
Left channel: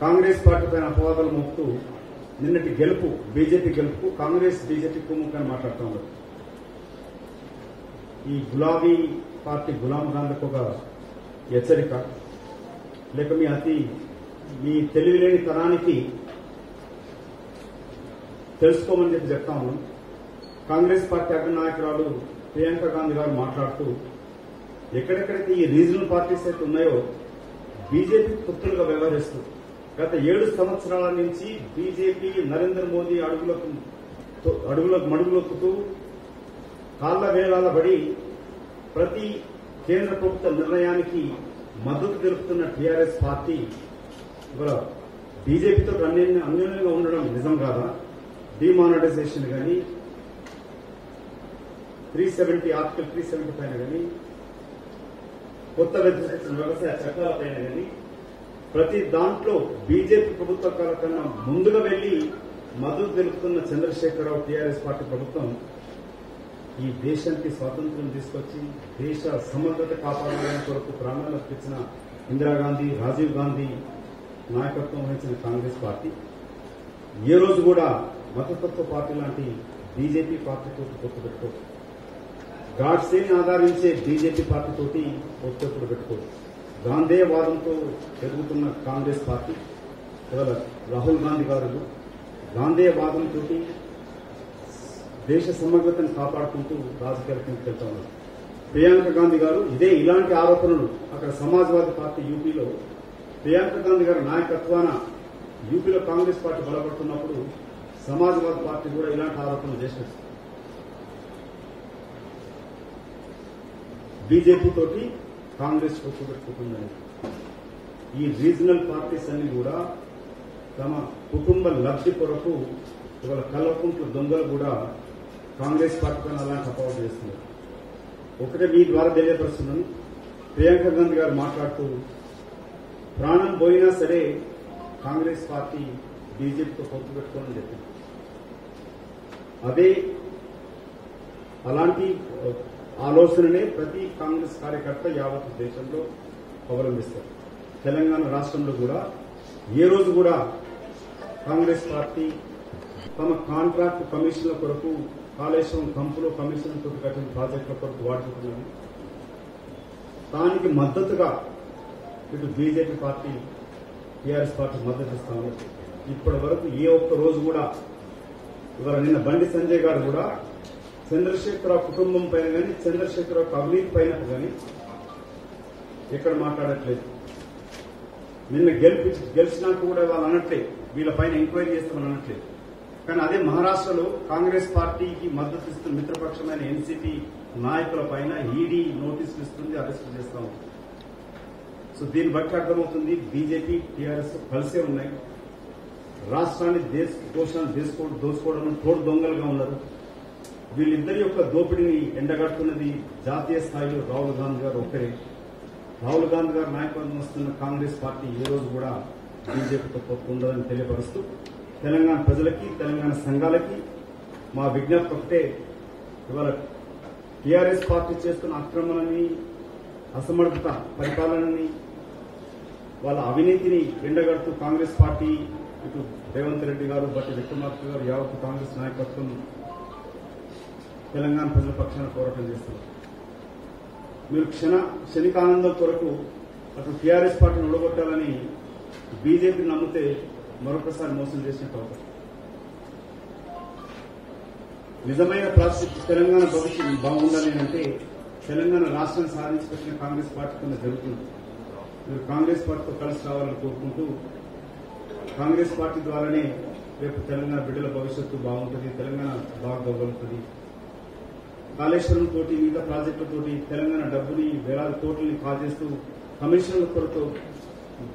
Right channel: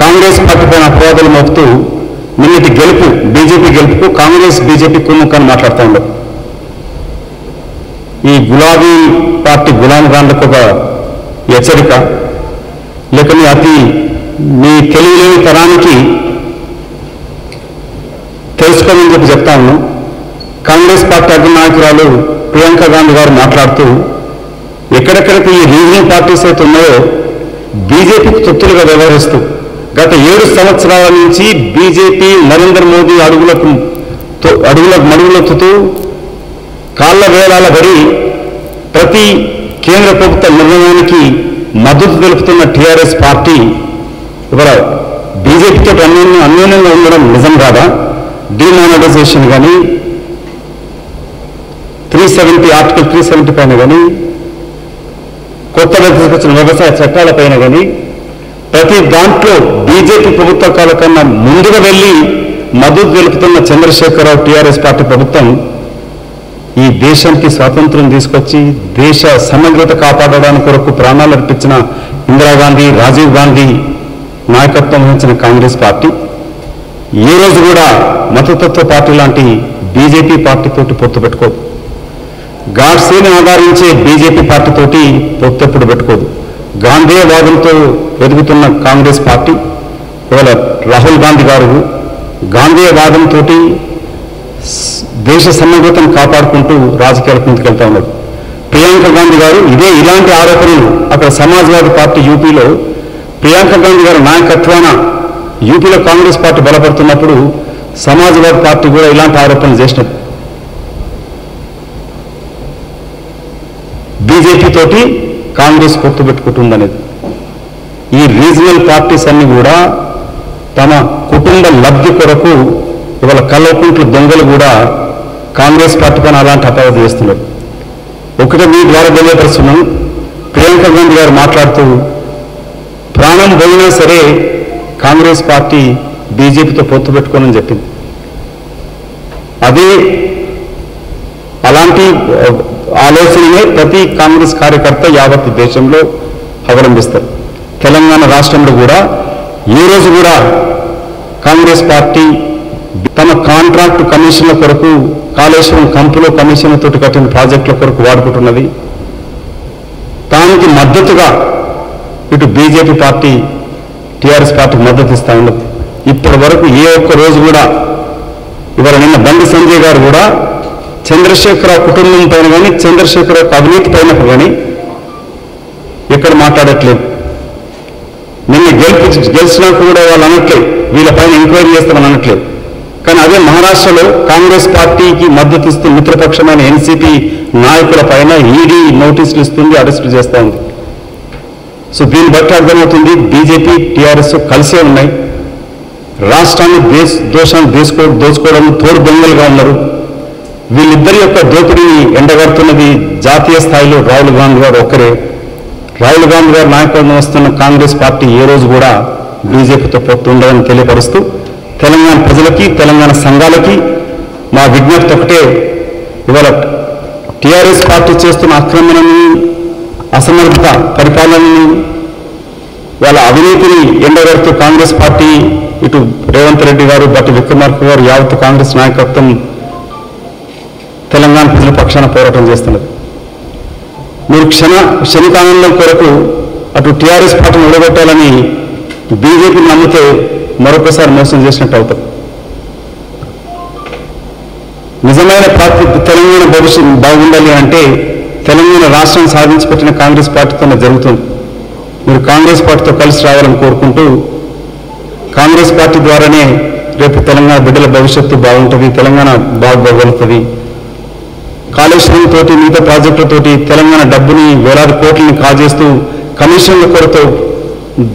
కాంగ్రెస్ పార్టీ పైన అపవాదాలు మోపుతూ నిన్నటి గెలుపు బీజేపీ గెలుపుకు కాంగ్రెస్ బీజేపీ కుమ్ముక్కని మాట్లాడుతూ ఉండవు. ఈ గులాబీ పార్టీ గులాం ఖాన్లకు ఒక హెచ్చరిక, లేక మీ తెలియలేని తరానికి తెలుసుకునే తెలుసుకోమని చెప్తా ఉన్నాం. కాంగ్రెస్ పార్టీ అగ్రనాయకురాలు ప్రియాంక గాంధీ గారు మాట్లాడుతూ ఎక్కడెక్కడికి ఈ రీజనల్ పార్టీస్ అయితే ఉన్నాయో బీజేపీకి తొత్తులుగా వ్యవహరిస్తూ గత 7 సంవత్సరాల నుంచి బీజేపీ నరేంద్ర మోదీ అడుగులకు మడుగులెత్తుతూ కాళ్ళ వేలాల పడి ప్రతి కేంద్ర ప్రభుత్వ నిర్ణయానికి మద్దతు తెలుపుతున్న టీఆర్ఎస్ పార్టీ ఇవాళ బీజేపీతో అన్యోన్యంగా ఉండడం నిజం కాదా? డిమానిటైజేషన్ కానీ 370 ఆర్టికల్ 370 పైన కానీ కొత్తగా తీసుకొచ్చిన వ్యవసాయ చట్టాలపైన కానీ ప్రతి దాంట్లో బీజేపీ ప్రభుత్వ కాల కన్నా ముందుగా వెళ్ళి మద్దతు తెలుపుతున్న చంద్రశేఖరరావు టీఆర్ఎస్ పార్టీ ప్రభుత్వం ఈ దేశానికి స్వాతంత్రం తీసుకొచ్చి దేశ సమగ్రత కాపాడడానికి కొరకు ప్రాణాలు అర్పించిన ఇందిరాగాంధీ, రాజీవ్ గాంధీ నాయకత్వం వహించిన కాంగ్రెస్ పార్టీ ఏ రోజు కూడా మతతత్వ పార్టీ లాంటి బీజేపీ పార్టీతోటి పొత్తు పెట్టుకోదు. గాడ్సేని ఆధారించే బీజేపీ పార్టీతోటి పొత్తు ఎప్పుడు పెట్టుకోదు. గాంధేయవాదంతో ఎదుగుతున్న కాంగ్రెస్ పార్టీ ఇవాళ రాహుల్ గాంధీ గారు గాంధేయవాదంతో దేశ సమగ్రతను కాపాడుకుంటూ రాజకీయాలకు ముందుకెళ్తా ఉన్నారు. ప్రియాంక గాంధీ గారు ఇలాంటి ఆరోపణలు అక్కడ సమాజ్వాదీ పార్టీ యూపీలో ప్రియాంక గాంధీ గారి నాయకత్వాన యూపీలో కాంగ్రెస్ పార్టీ బలపడుతున్నప్పుడు సమాజ్వాదీ పార్టీ కూడా ఇలాంటి ఆరోపణలు చేసినది. బీజేపీ తోటి కాంగ్రెస్ పొత్తు పెట్టుకుంటుందనేది. ఈ రీజనల్ పార్టీస్ అన్ని కూడా తమ కుటుంబ లబ్ధి కొరకు ఇవాళ కల్వకుంట్ల దొంగలు కూడా కాంగ్రెస్ పార్టీ పైన అలాంటి అపవాదం చేస్తున్నారు. ఒకటి మీ ద్వారా తెలియపరుస్తున్నాం. ప్రియాంక గాంధీ గారు మాట్లాడుతూ ప్రాణం పోయినా సరే కాంగ్రెస్ పార్టీ బీజేపీతో పొత్తు పెట్టుకోనని చెప్పింది. అలాంటి ఆలోచననే ప్రతి కాంగ్రెస్ కార్యకర్త యావత్ దేశంలో అవలంబిస్తారు. తెలంగాణ రాష్ట్రంలో కూడా ఏ రోజు కూడా కాంగ్రెస్ పార్టీ తమ కాంట్రాక్ట్ కమిషన్ల కొరకు కాళేశ్వరం కంపులో కమిషన్లతో కట్టిన ప్రాజెక్టుల కొరకు వాడుకుంటున్నది. దానికి మద్దతుగా ఇటు బీజేపీ పార్టీ టీఆర్ఎస్ పార్టీకి మద్దతు ఇస్తా ఉండదు. ఇప్పటి వరకు ఏ ఒక్క రోజు కూడా ఇవాళ నిన్న బండి సంజయ్ గారు కూడా చంద్రశేఖరరావు కుటుంబం పైన కానీ చంద్రశేఖరరావు అవినీతి పైన కానీ ఎక్కడ మాట్లాడట్లేదు. నిన్న గెలిచినాక కూడా వాళ్ళు అనట్లేదు వీళ్ళపైన ఎంక్వైరీ చేస్తామని అనట్లేదు. కానీ అదే మహారాష్ట్రలో కాంగ్రెస్ పార్టీకి మద్దతు ఇస్తూ మిత్రపక్షమైన ఎన్సీపీ నాయకుల పైన ఈడీ నోటీసులు ఇస్తుంది, అరెస్టులు చేస్తూ ఉంది. సో దీన్ని బట్టి అర్థమవుతుంది బీజేపీ టీఆర్ఎస్ కలిసే ఉన్నాయి. రాష్ట్రాన్ని దోచుకోవడం తోడు దొంగలుగా ఉన్నారు. వీళ్ళిద్దరి యొక్క దోపిడీని ఎండగడుతున్నది జాతీయ స్థాయిలో రాహుల్ గాంధీ గారు ఒక్కరే. రాహుల్ గాంధీ గారు నాయకత్వం వస్తున్న కాంగ్రెస్ పార్టీ ఏ రోజు కూడా బీజేపీతో పొత్తు ఉండదని తెలియపరుస్తూ తెలంగాణ ప్రజలకి తెలంగాణ సంఘాలకి మా విజ్ఞప్తి ఒకటే, ఇవాళ టీఆర్ఎస్ పార్టీ చేస్తున్న ఆక్రమణని, అసమర్థ పరిపాలనని, వాళ్ళ అవినీతిని ఎండగడుతూ కాంగ్రెస్ పార్టీ ఇటు రేవంత్ రెడ్డి గారు, బట్టి విక్రమార్క గారు, యావత్ కాంగ్రెస్ నాయకత్వం తెలంగాణ ప్రజల పక్షాన పోరాటం చేస్తున్నది. మీరు క్షణికానందం కొరకు అటు టీఆర్ఎస్ పార్టీని నిలబెట్టాలని బీజేపీని నమ్మితే మరొకసారి మోసం చేసినట్టు అవుతాం. నిజమైన తెలంగాణ భవిష్యత్తు బాగుండాలి అంటే తెలంగాణ రాష్ట్రం సాధించి పెట్టిన కాంగ్రెస్ పార్టీతోనే జరుగుతుంది. మీరు కాంగ్రెస్ పార్టీతో కలిసి రావాలని కోరుకుంటూ కాంగ్రెస్ పార్టీ ద్వారానే రేపు తెలంగాణ బిడ్డల భవిష్యత్తు బాగుంటుంది, తెలంగాణ బాగుపడుతుంది. కాళేశ్వరం తోటి మిగతా ప్రాజెక్టులతోటి తెలంగాణ డబ్బుని వేలాది కోట్లని కాజేస్తూ కమిషన్ల కొరతో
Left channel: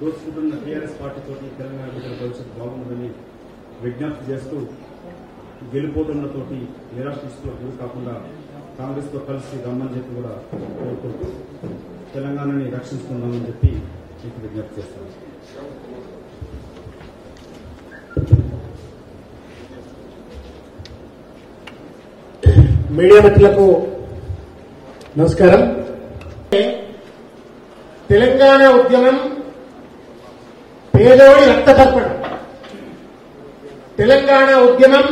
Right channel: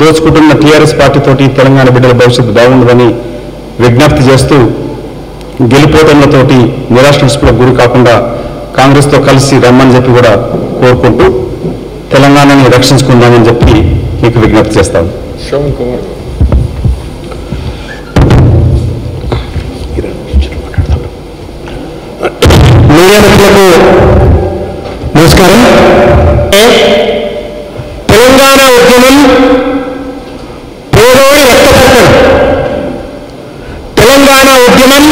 దోచుకుంటున్న టీఆర్ఎస్ పార్టీతోటి తెలంగాణ బిడ్డల భవిష్యత్తు బాగుండదని విజ్ఞప్తి చేస్తూ గెలిపోవడంతోటి నిరాశకు గురి కాకుండా కాంగ్రెస్తో కలిసి రమ్మని చెప్పి కూడా కోరుకుంటూ తెలంగాణని రక్షించుకుందామని చెప్పి మీకు విజ్ఞప్తి చేస్తాను. మీడియా మిత్రులకు నమస్కారం. తెలంగాణ ఉద్యమం పేదోడి రక్తపుట్టం. తెలంగాణ ఉద్యమం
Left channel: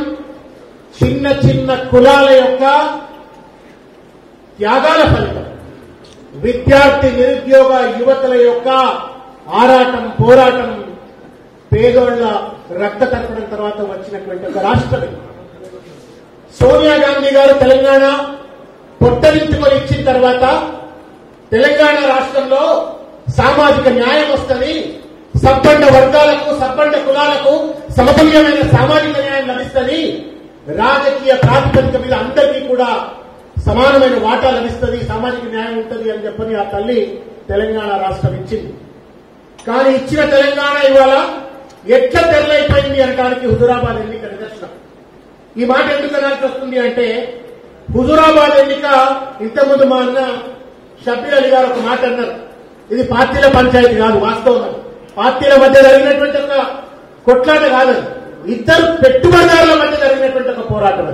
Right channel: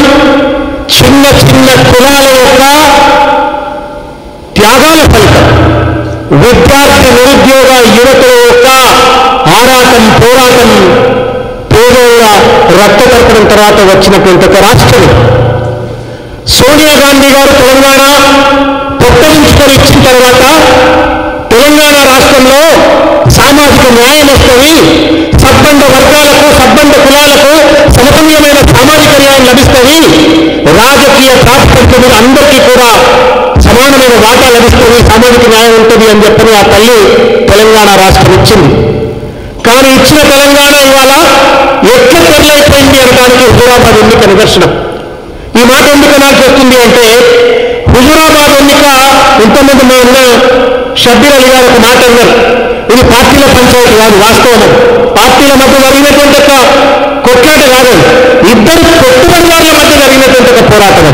చిన్న చిన్న కులాల యొక్క త్యాగాల ఫలితం. విద్యార్థి నిరుద్యోగ యువతుల యొక్క ఆరాటం, పోరాటం, పేదోళ్ళ రక్త తర్పణం తర్వాత వచ్చినటువంటి ఒక రాష్ట్రం సోనియా గాంధీ గారు తెలంగాణ పొట్టలించుకొని ఇచ్చిన తర్వాత తెలంగాణ రాష్ట్రంలో సామాజిక న్యాయం వస్తుంది, సబ్బండ వర్గాలకు సబ్బండ కులాలకు సమతుల్యమైన సామాజిక న్యాయం లభిస్తుంది, రాజకీయ ప్రాతిపదిక మీద అందరికీ కూడా సమానమైన వాటా లభిస్తుంది, సామాజిక న్యాయం ఉంటుంది అని చెప్పని ఆ తల్లి తెలంగాణ రాష్ట్రం ఇచ్చింది. కానీ ఇచ్చిన తెలంగాణ ఇవాళ ఎట్లా తెరలైపోయింది అనడానికి హుజూరాబాద్ ఎన్నిక నిదర్శనం. ఈ మాట ఎందుకు నాకు వస్తుంది అంటే హుజూరాబాద్ ఎన్నిక ఇంతకుముందు ఉన్న షబ్బీర్ అలీ గారు ఒక మాట అన్నారు, ఇది పార్టీల పంచాయతీ కాదు, వాస్తవం పార్టీల మధ్య జరిగినటువంటి ఒక కొట్లాట కాదు, ఇద్దరు పెట్టుబడిదారుల మధ్య జరిగినటువంటి ఒక పోరాటం.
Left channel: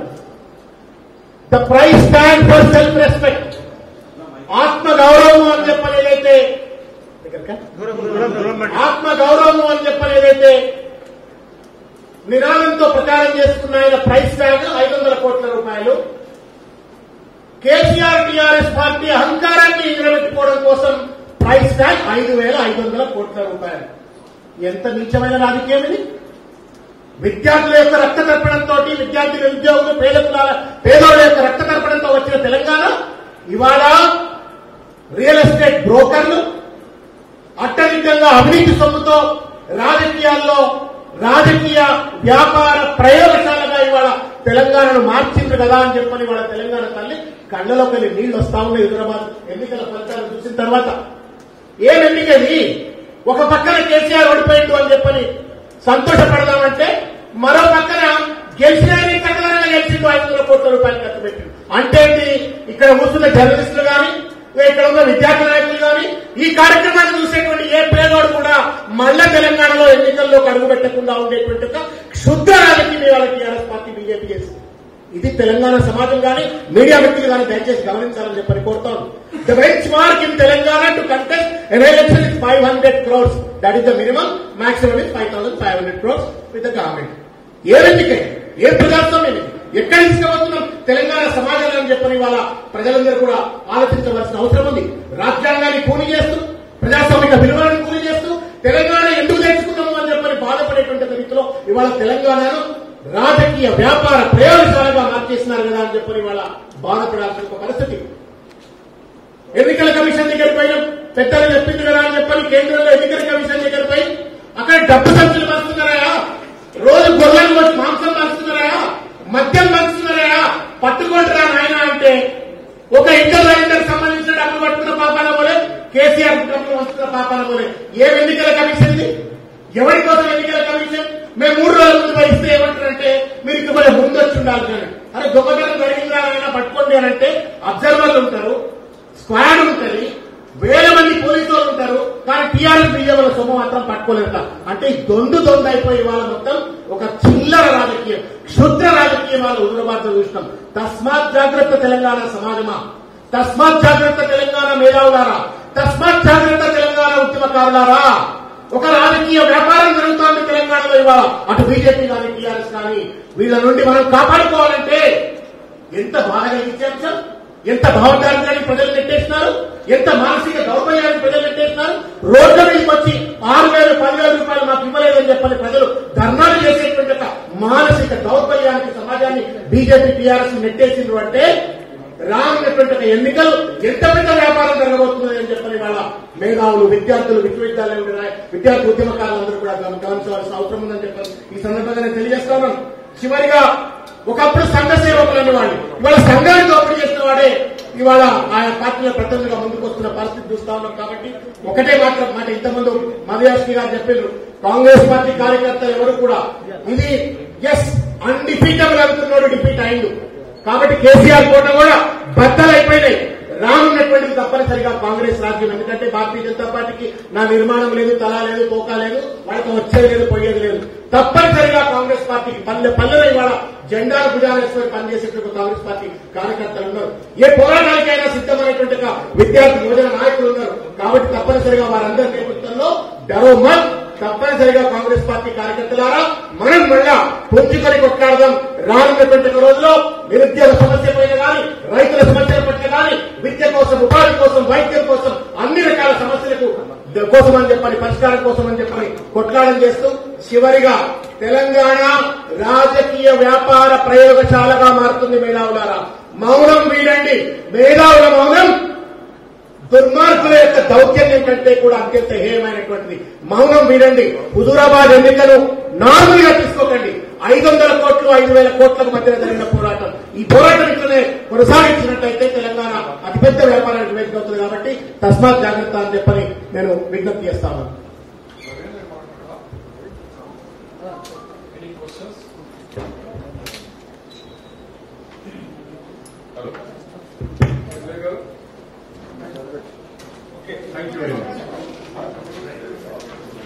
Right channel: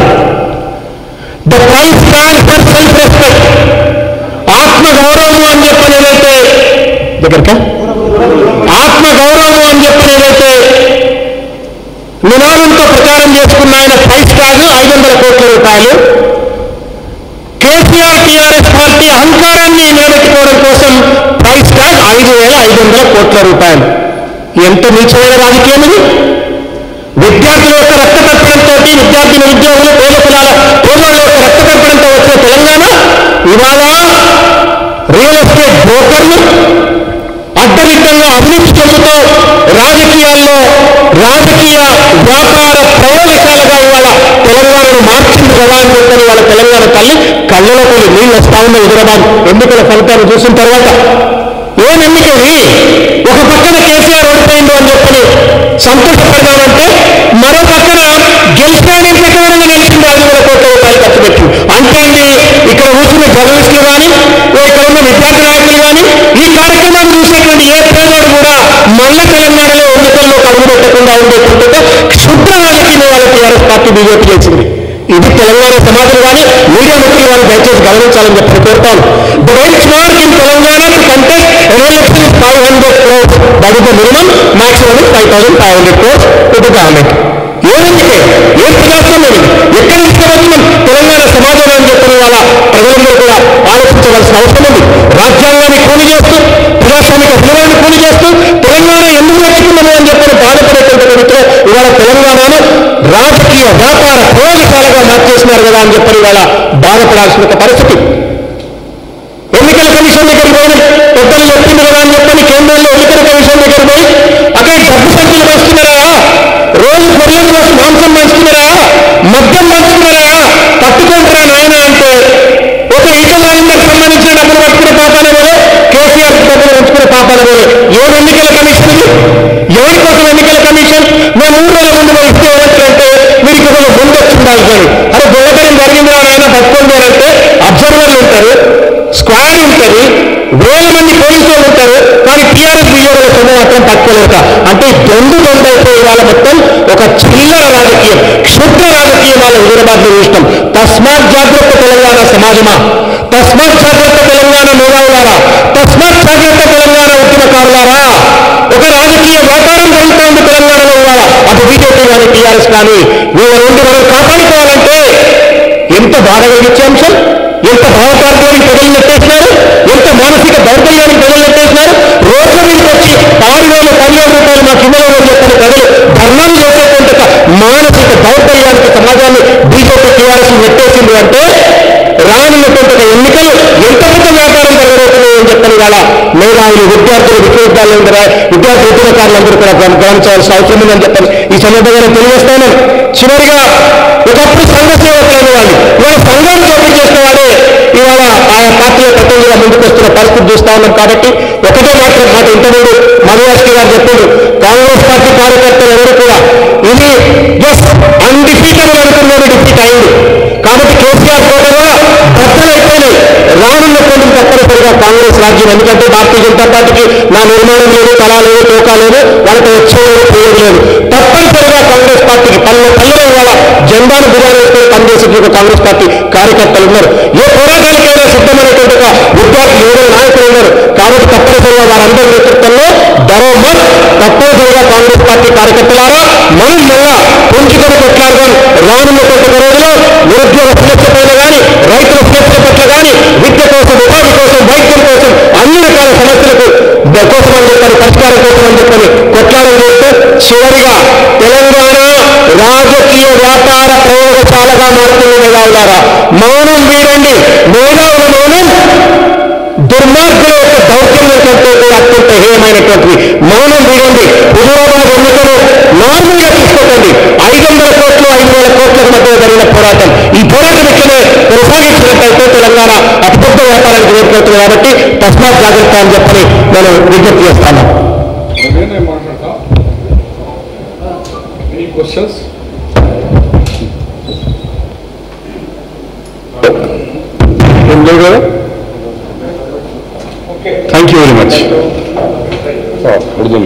The price tag for self respect, ఆత్మగౌరవం అని చెప్పని ఏదైతే దగ్గరక ఆత్మగౌరవం అని చెప్పని ఏదైతే నినాదంతో ప్రచారం చేసుకున్న ఆయన ప్రైస్ ట్యాగ్ 500 కోట్ల రూపాయలు. కేసీఆర్ టీఆర్ఎస్ పార్టీ అహంకారాన్ని నిలబెట్టుకోవడం కోసం ప్రైస్ ట్యాగ్ 5,500 కోట్ల రూపాయలు. ఎంత నీచమైన రాజకీయం ఇది! విద్యార్థుల యొక్క రక్త తర్పణంతో, విద్యార్థి నిరుద్యోగులు పేదవాళ్ళ యొక్క రక్త తర్పణంతో వచ్చిన తెలంగాణ ఇవాళ రియల్ ఎస్టేట్ బ్రోకర్లు అడ్డదిడ్డంగా అభివృద్ధి చెందుతూ రాజకీయాల్లో రాజకీయ వ్యాపార ప్రయోగశాలగా ఇవాళ తెలంగాణను మార్చింది కదా అని చెప్పని వాళ్ళ తెలంగాణ తల్లి కళ్ళలో కొన్ని నీళ్ళు వస్తా ఉన్న హుజూరాబాద్ ఎన్నికల ఫలితాలు చూసిన తర్వాత ఏం ఎన్నికది? ఒక పక్కన కేసీఆర్ ఓడిపోయింది అని చెప్పని సంతోషపడదామంటే మరో పక్కన గెలిచినా ప్రకారంగా నిలిచింది 5,000 కోట్ల రూపాయలు ఖర్చు పెట్టింది. అంటే ఇక్కడ కూర్చున్న జర్నలిస్టులు కానీ ఇక్కడ ఉన్న విద్యార్థి నాయకులు కానీ ఈ కార్యక్రమాన్ని చూసేటువంటి ఏ పేదవాడు కూడా మళ్ళా తెలంగాణలో ఎన్నికల్లో కడుగు పెట్టకుండా ఉండేటువంటి క్షుద్ర రాజకీయ వాళ్ళ టీఆర్ఎస్ పార్టీ బీజేపీ చేసింది. ఇది తెలంగాణ సమాజం కానీ మీడియా వ్యక్తులు వాళ్ళు దయచేసి గమనించాలని చెప్పి కోరుతాను. The benchmark in Telangana to contest election is 500 crores. That is the minimum, maximum 5,500 crores to the government. ఏదంటే ఏం ప్రజాస్వామ్యం, ఎక్కడి నుంచి మనం తెలంగాణ సమాజం అని చెప్పిన వాళ్ళ ప్రజలందరూ కూడా ఆలోచించవలసిన అవసరం ఉంది. రాజ్యాంగాన్ని కూలి చేస్తూ, ప్రజాస్వామిక విలువలను కూలి చేస్తూ తెలంగాణ ఎందుకు నేర్చుకున్నాము అని చెప్పిన బాధపడేటువంటి వ్యక్తులు ఇవాళ తెలంగాణను రాజకీయ వ్యాపార ప్రయోగశాలగా మార్చేసినారు కదా అని చెప్పని ఇవాళ బాధపడాల్సిన పరిస్థితి. ఎన్నికల కమిషన్ దగ్గర పోయి పెద్దలు చెప్పింది కదా అని చెప్పని కేంద్రంలో ఎన్నికల కమిషన్ దగ్గర పోయి అక్కడ డబ్బు సంఖ్యలు వస్తున్నారా, రోజు గొర్రెలు మాంసం పంచుతున్నారా, మద్యం పంచుతున్నారా, పట్టుకుంటారా నాయన అంటే ఒక ఈటలకు సంబంధించిన డబ్బులు పట్టుకునే పాపాల పోలే, కేసీఆర్ డబ్బులు పంచుకునే పాపాల పోలే. ఏడు ఎన్నికల కమిషన్ ఇది? ఎవరి కోసం ఎన్నికల కమిషన్? మేము 3 రోజుల ముందు మనం ఇస్తే ఏమంటారంటే మీరు ఇక్కడ ముందు వచ్చిండాలి కానీ అరే గొడవడం జరిగిందిరా నాయన పట్టుకుంటారంటే అబ్జర్వర్లు ఉంటారు, స్క్వాడ్ ఉంటుంది, వేల మంది పోలీసు వాళ్ళు ఉంటారు, కానీ టీఆర్ఎస్ బీజేపీల సొమ్ము మాత్రం పట్టుకోలేక అంటే దొంగైపోయి వాళ్ళ మొత్తం ఒక చిల్లర రాజకీయం, క్షుద్ర రాజకీయం వాళ్ళ హుజూరాబాద్లో చూస్తాం. తస్మాత్ జాగ్రత్త తెలంగాణ సమాజమా, తస్మాత్ జాగ్రత్త తెలంగాణ మేధావులారా, తస్మాత్ జాగ్రత్త తెలంగాణ ఉద్యమకారులారా. ఒక రాజకీయ వ్యాపారం జరుగుతూ ఉంది తెలంగాణలో ఇవాళ, అటు బీజేపీ కానీ టీఆర్ఎస్ కానీ. వీళ్ళ నుండి మనం కాపాడుకోవాలంటే ఎంత బాధ కలిగించే అంశం, ఎంత భావకార్యానికి ప్రజలు నెట్టేసినారు, ఎంత మానసిక దౌర్బల్యానికి ప్రజలు నెట్టేసినారు. రోజుల మీదకి వచ్చి 6,000 10,000 రూపాయలు మా కిందలో చెప్పిన ప్రజలు ధర్నాలు చేసేటువంటి మానసిక దౌర్బల్యానికి సమాజాన్ని బీజేపీ టీఆర్ఎస్ నెట్టేసింది అంటే రానున్నటువంటి ఎన్నికలు ఎంత పెద్ద వ్యాపారం జరగబోతున్నాయి అని చెప్పని ఇవాళ మేధావులు, విద్యార్థులు, విశ్వవిద్యాలయం విద్యార్థి ఉద్యమకారులందరూ కూడా గమనించవలసిన అవసరం ఉందని చెప్పని ఈ సందర్భంగా తెలియజేస్తాను. చివరిగా ఒకప్పుడు సంఘ సేవకులైన వాళ్ళు ఇవాళ సంఘాన్ని ఓపెన్ చేసిన వాడే ఇవాళ ఆయా పార్టీల ప్రతినిధిగా ముందుకు వస్తున్న పరిస్థితి చూస్తా ఉన్నాం. కాబట్టి ఒకటే మాత్రం మాట ఇంతకుముందు మధుయాస్కి గారు చెప్పారు, కాంగ్రెస్ పార్టీ కార్యకర్తలు ఎవరు కూడా ఇది జస్ట్ అన్డిఫీటబుల్ అనుకున్నాడు, డిఫీట్ అయింది. కాబట్టి కేసీఆర్ ఫోటోలో భద్రమైపోయినాయి. రానున్నటువంటి తప్పనిసరిగా కాంగ్రెస్ రాజ్యం, ఎందుకంటే భారతీయ జనతా పార్టీకి నా నిర్మాణం లేదు, కళ లేదు, తోకా లేదు, వాళ్ళకి వచ్చేది పోయేది లేదు. తప్పనిసరిగా కాంగ్రెస్ పార్టీకి పల్లెలో ఇవాళ జెండాను భుజాన్ని వేసుకొని పనిచేసేటువంటి కాంగ్రెస్ పార్టీ కార్యకర్తలు ఉన్నారు. ఏ పోరాటాలకైనా సిద్ధమైనటువంటి ఒక విద్యార్థి యువకులు నాయకులు ఉన్నారు. కాబట్టి తప్పనిసరిగా వారందరి నేతృత్వంలో బరోబర్ తప్పనిసరిగా కాంగ్రెస్ పార్టీ కార్యకర్తలారా మనం మళ్ళా పుంజుకొని కొట్లాడదాం. రానున్నటువంటి రోజుల్లో నిరుద్యోగ సమస్య పైన కానీ, రైతుల సమస్యల పట్ల కానీ, విద్య కోసం, ఉపాధి కోసం, వైద్యం కోసం, అన్ని రకాల సమస్యలకు కోసం అని చెప్పని, పరిష్కారం కోసం అని చెప్పని కొట్లాడడం చేస్తే చివరిగా తెలంగాణ రాజకీయ వ్యాపార ప్రయోగశాలగా మారుతుంది మేధావులారా. మౌనం వీడండి. మేధావుల మౌనం దుర్మార్గుల యొక్క దౌర్జన్యం కంటే కూడా అత్యంత హేయమైనటువంటిది. మౌనం వీడండి. హుజూరాబాద్ ఎన్నికలు నార్మల్గా తీసుకోకండి. 500 కోట్లు 5,000 కోట్లకు మధ్య జరిగిన పోరాటం. ఈ పోరాటం ఇట్లనే కొనసాగించినట్టయితే తెలంగాణ అతిపెద్ద వ్యాపారానికి ఏర్పడుతుంది. కాబట్టి తస్మాత్ జాగ్రత్త అని చెప్పని నేను విజ్ఞప్తి చేస్తాను. క్వశ్చన్స్? ఏం లేవు కదా? Thank you very much. Urdu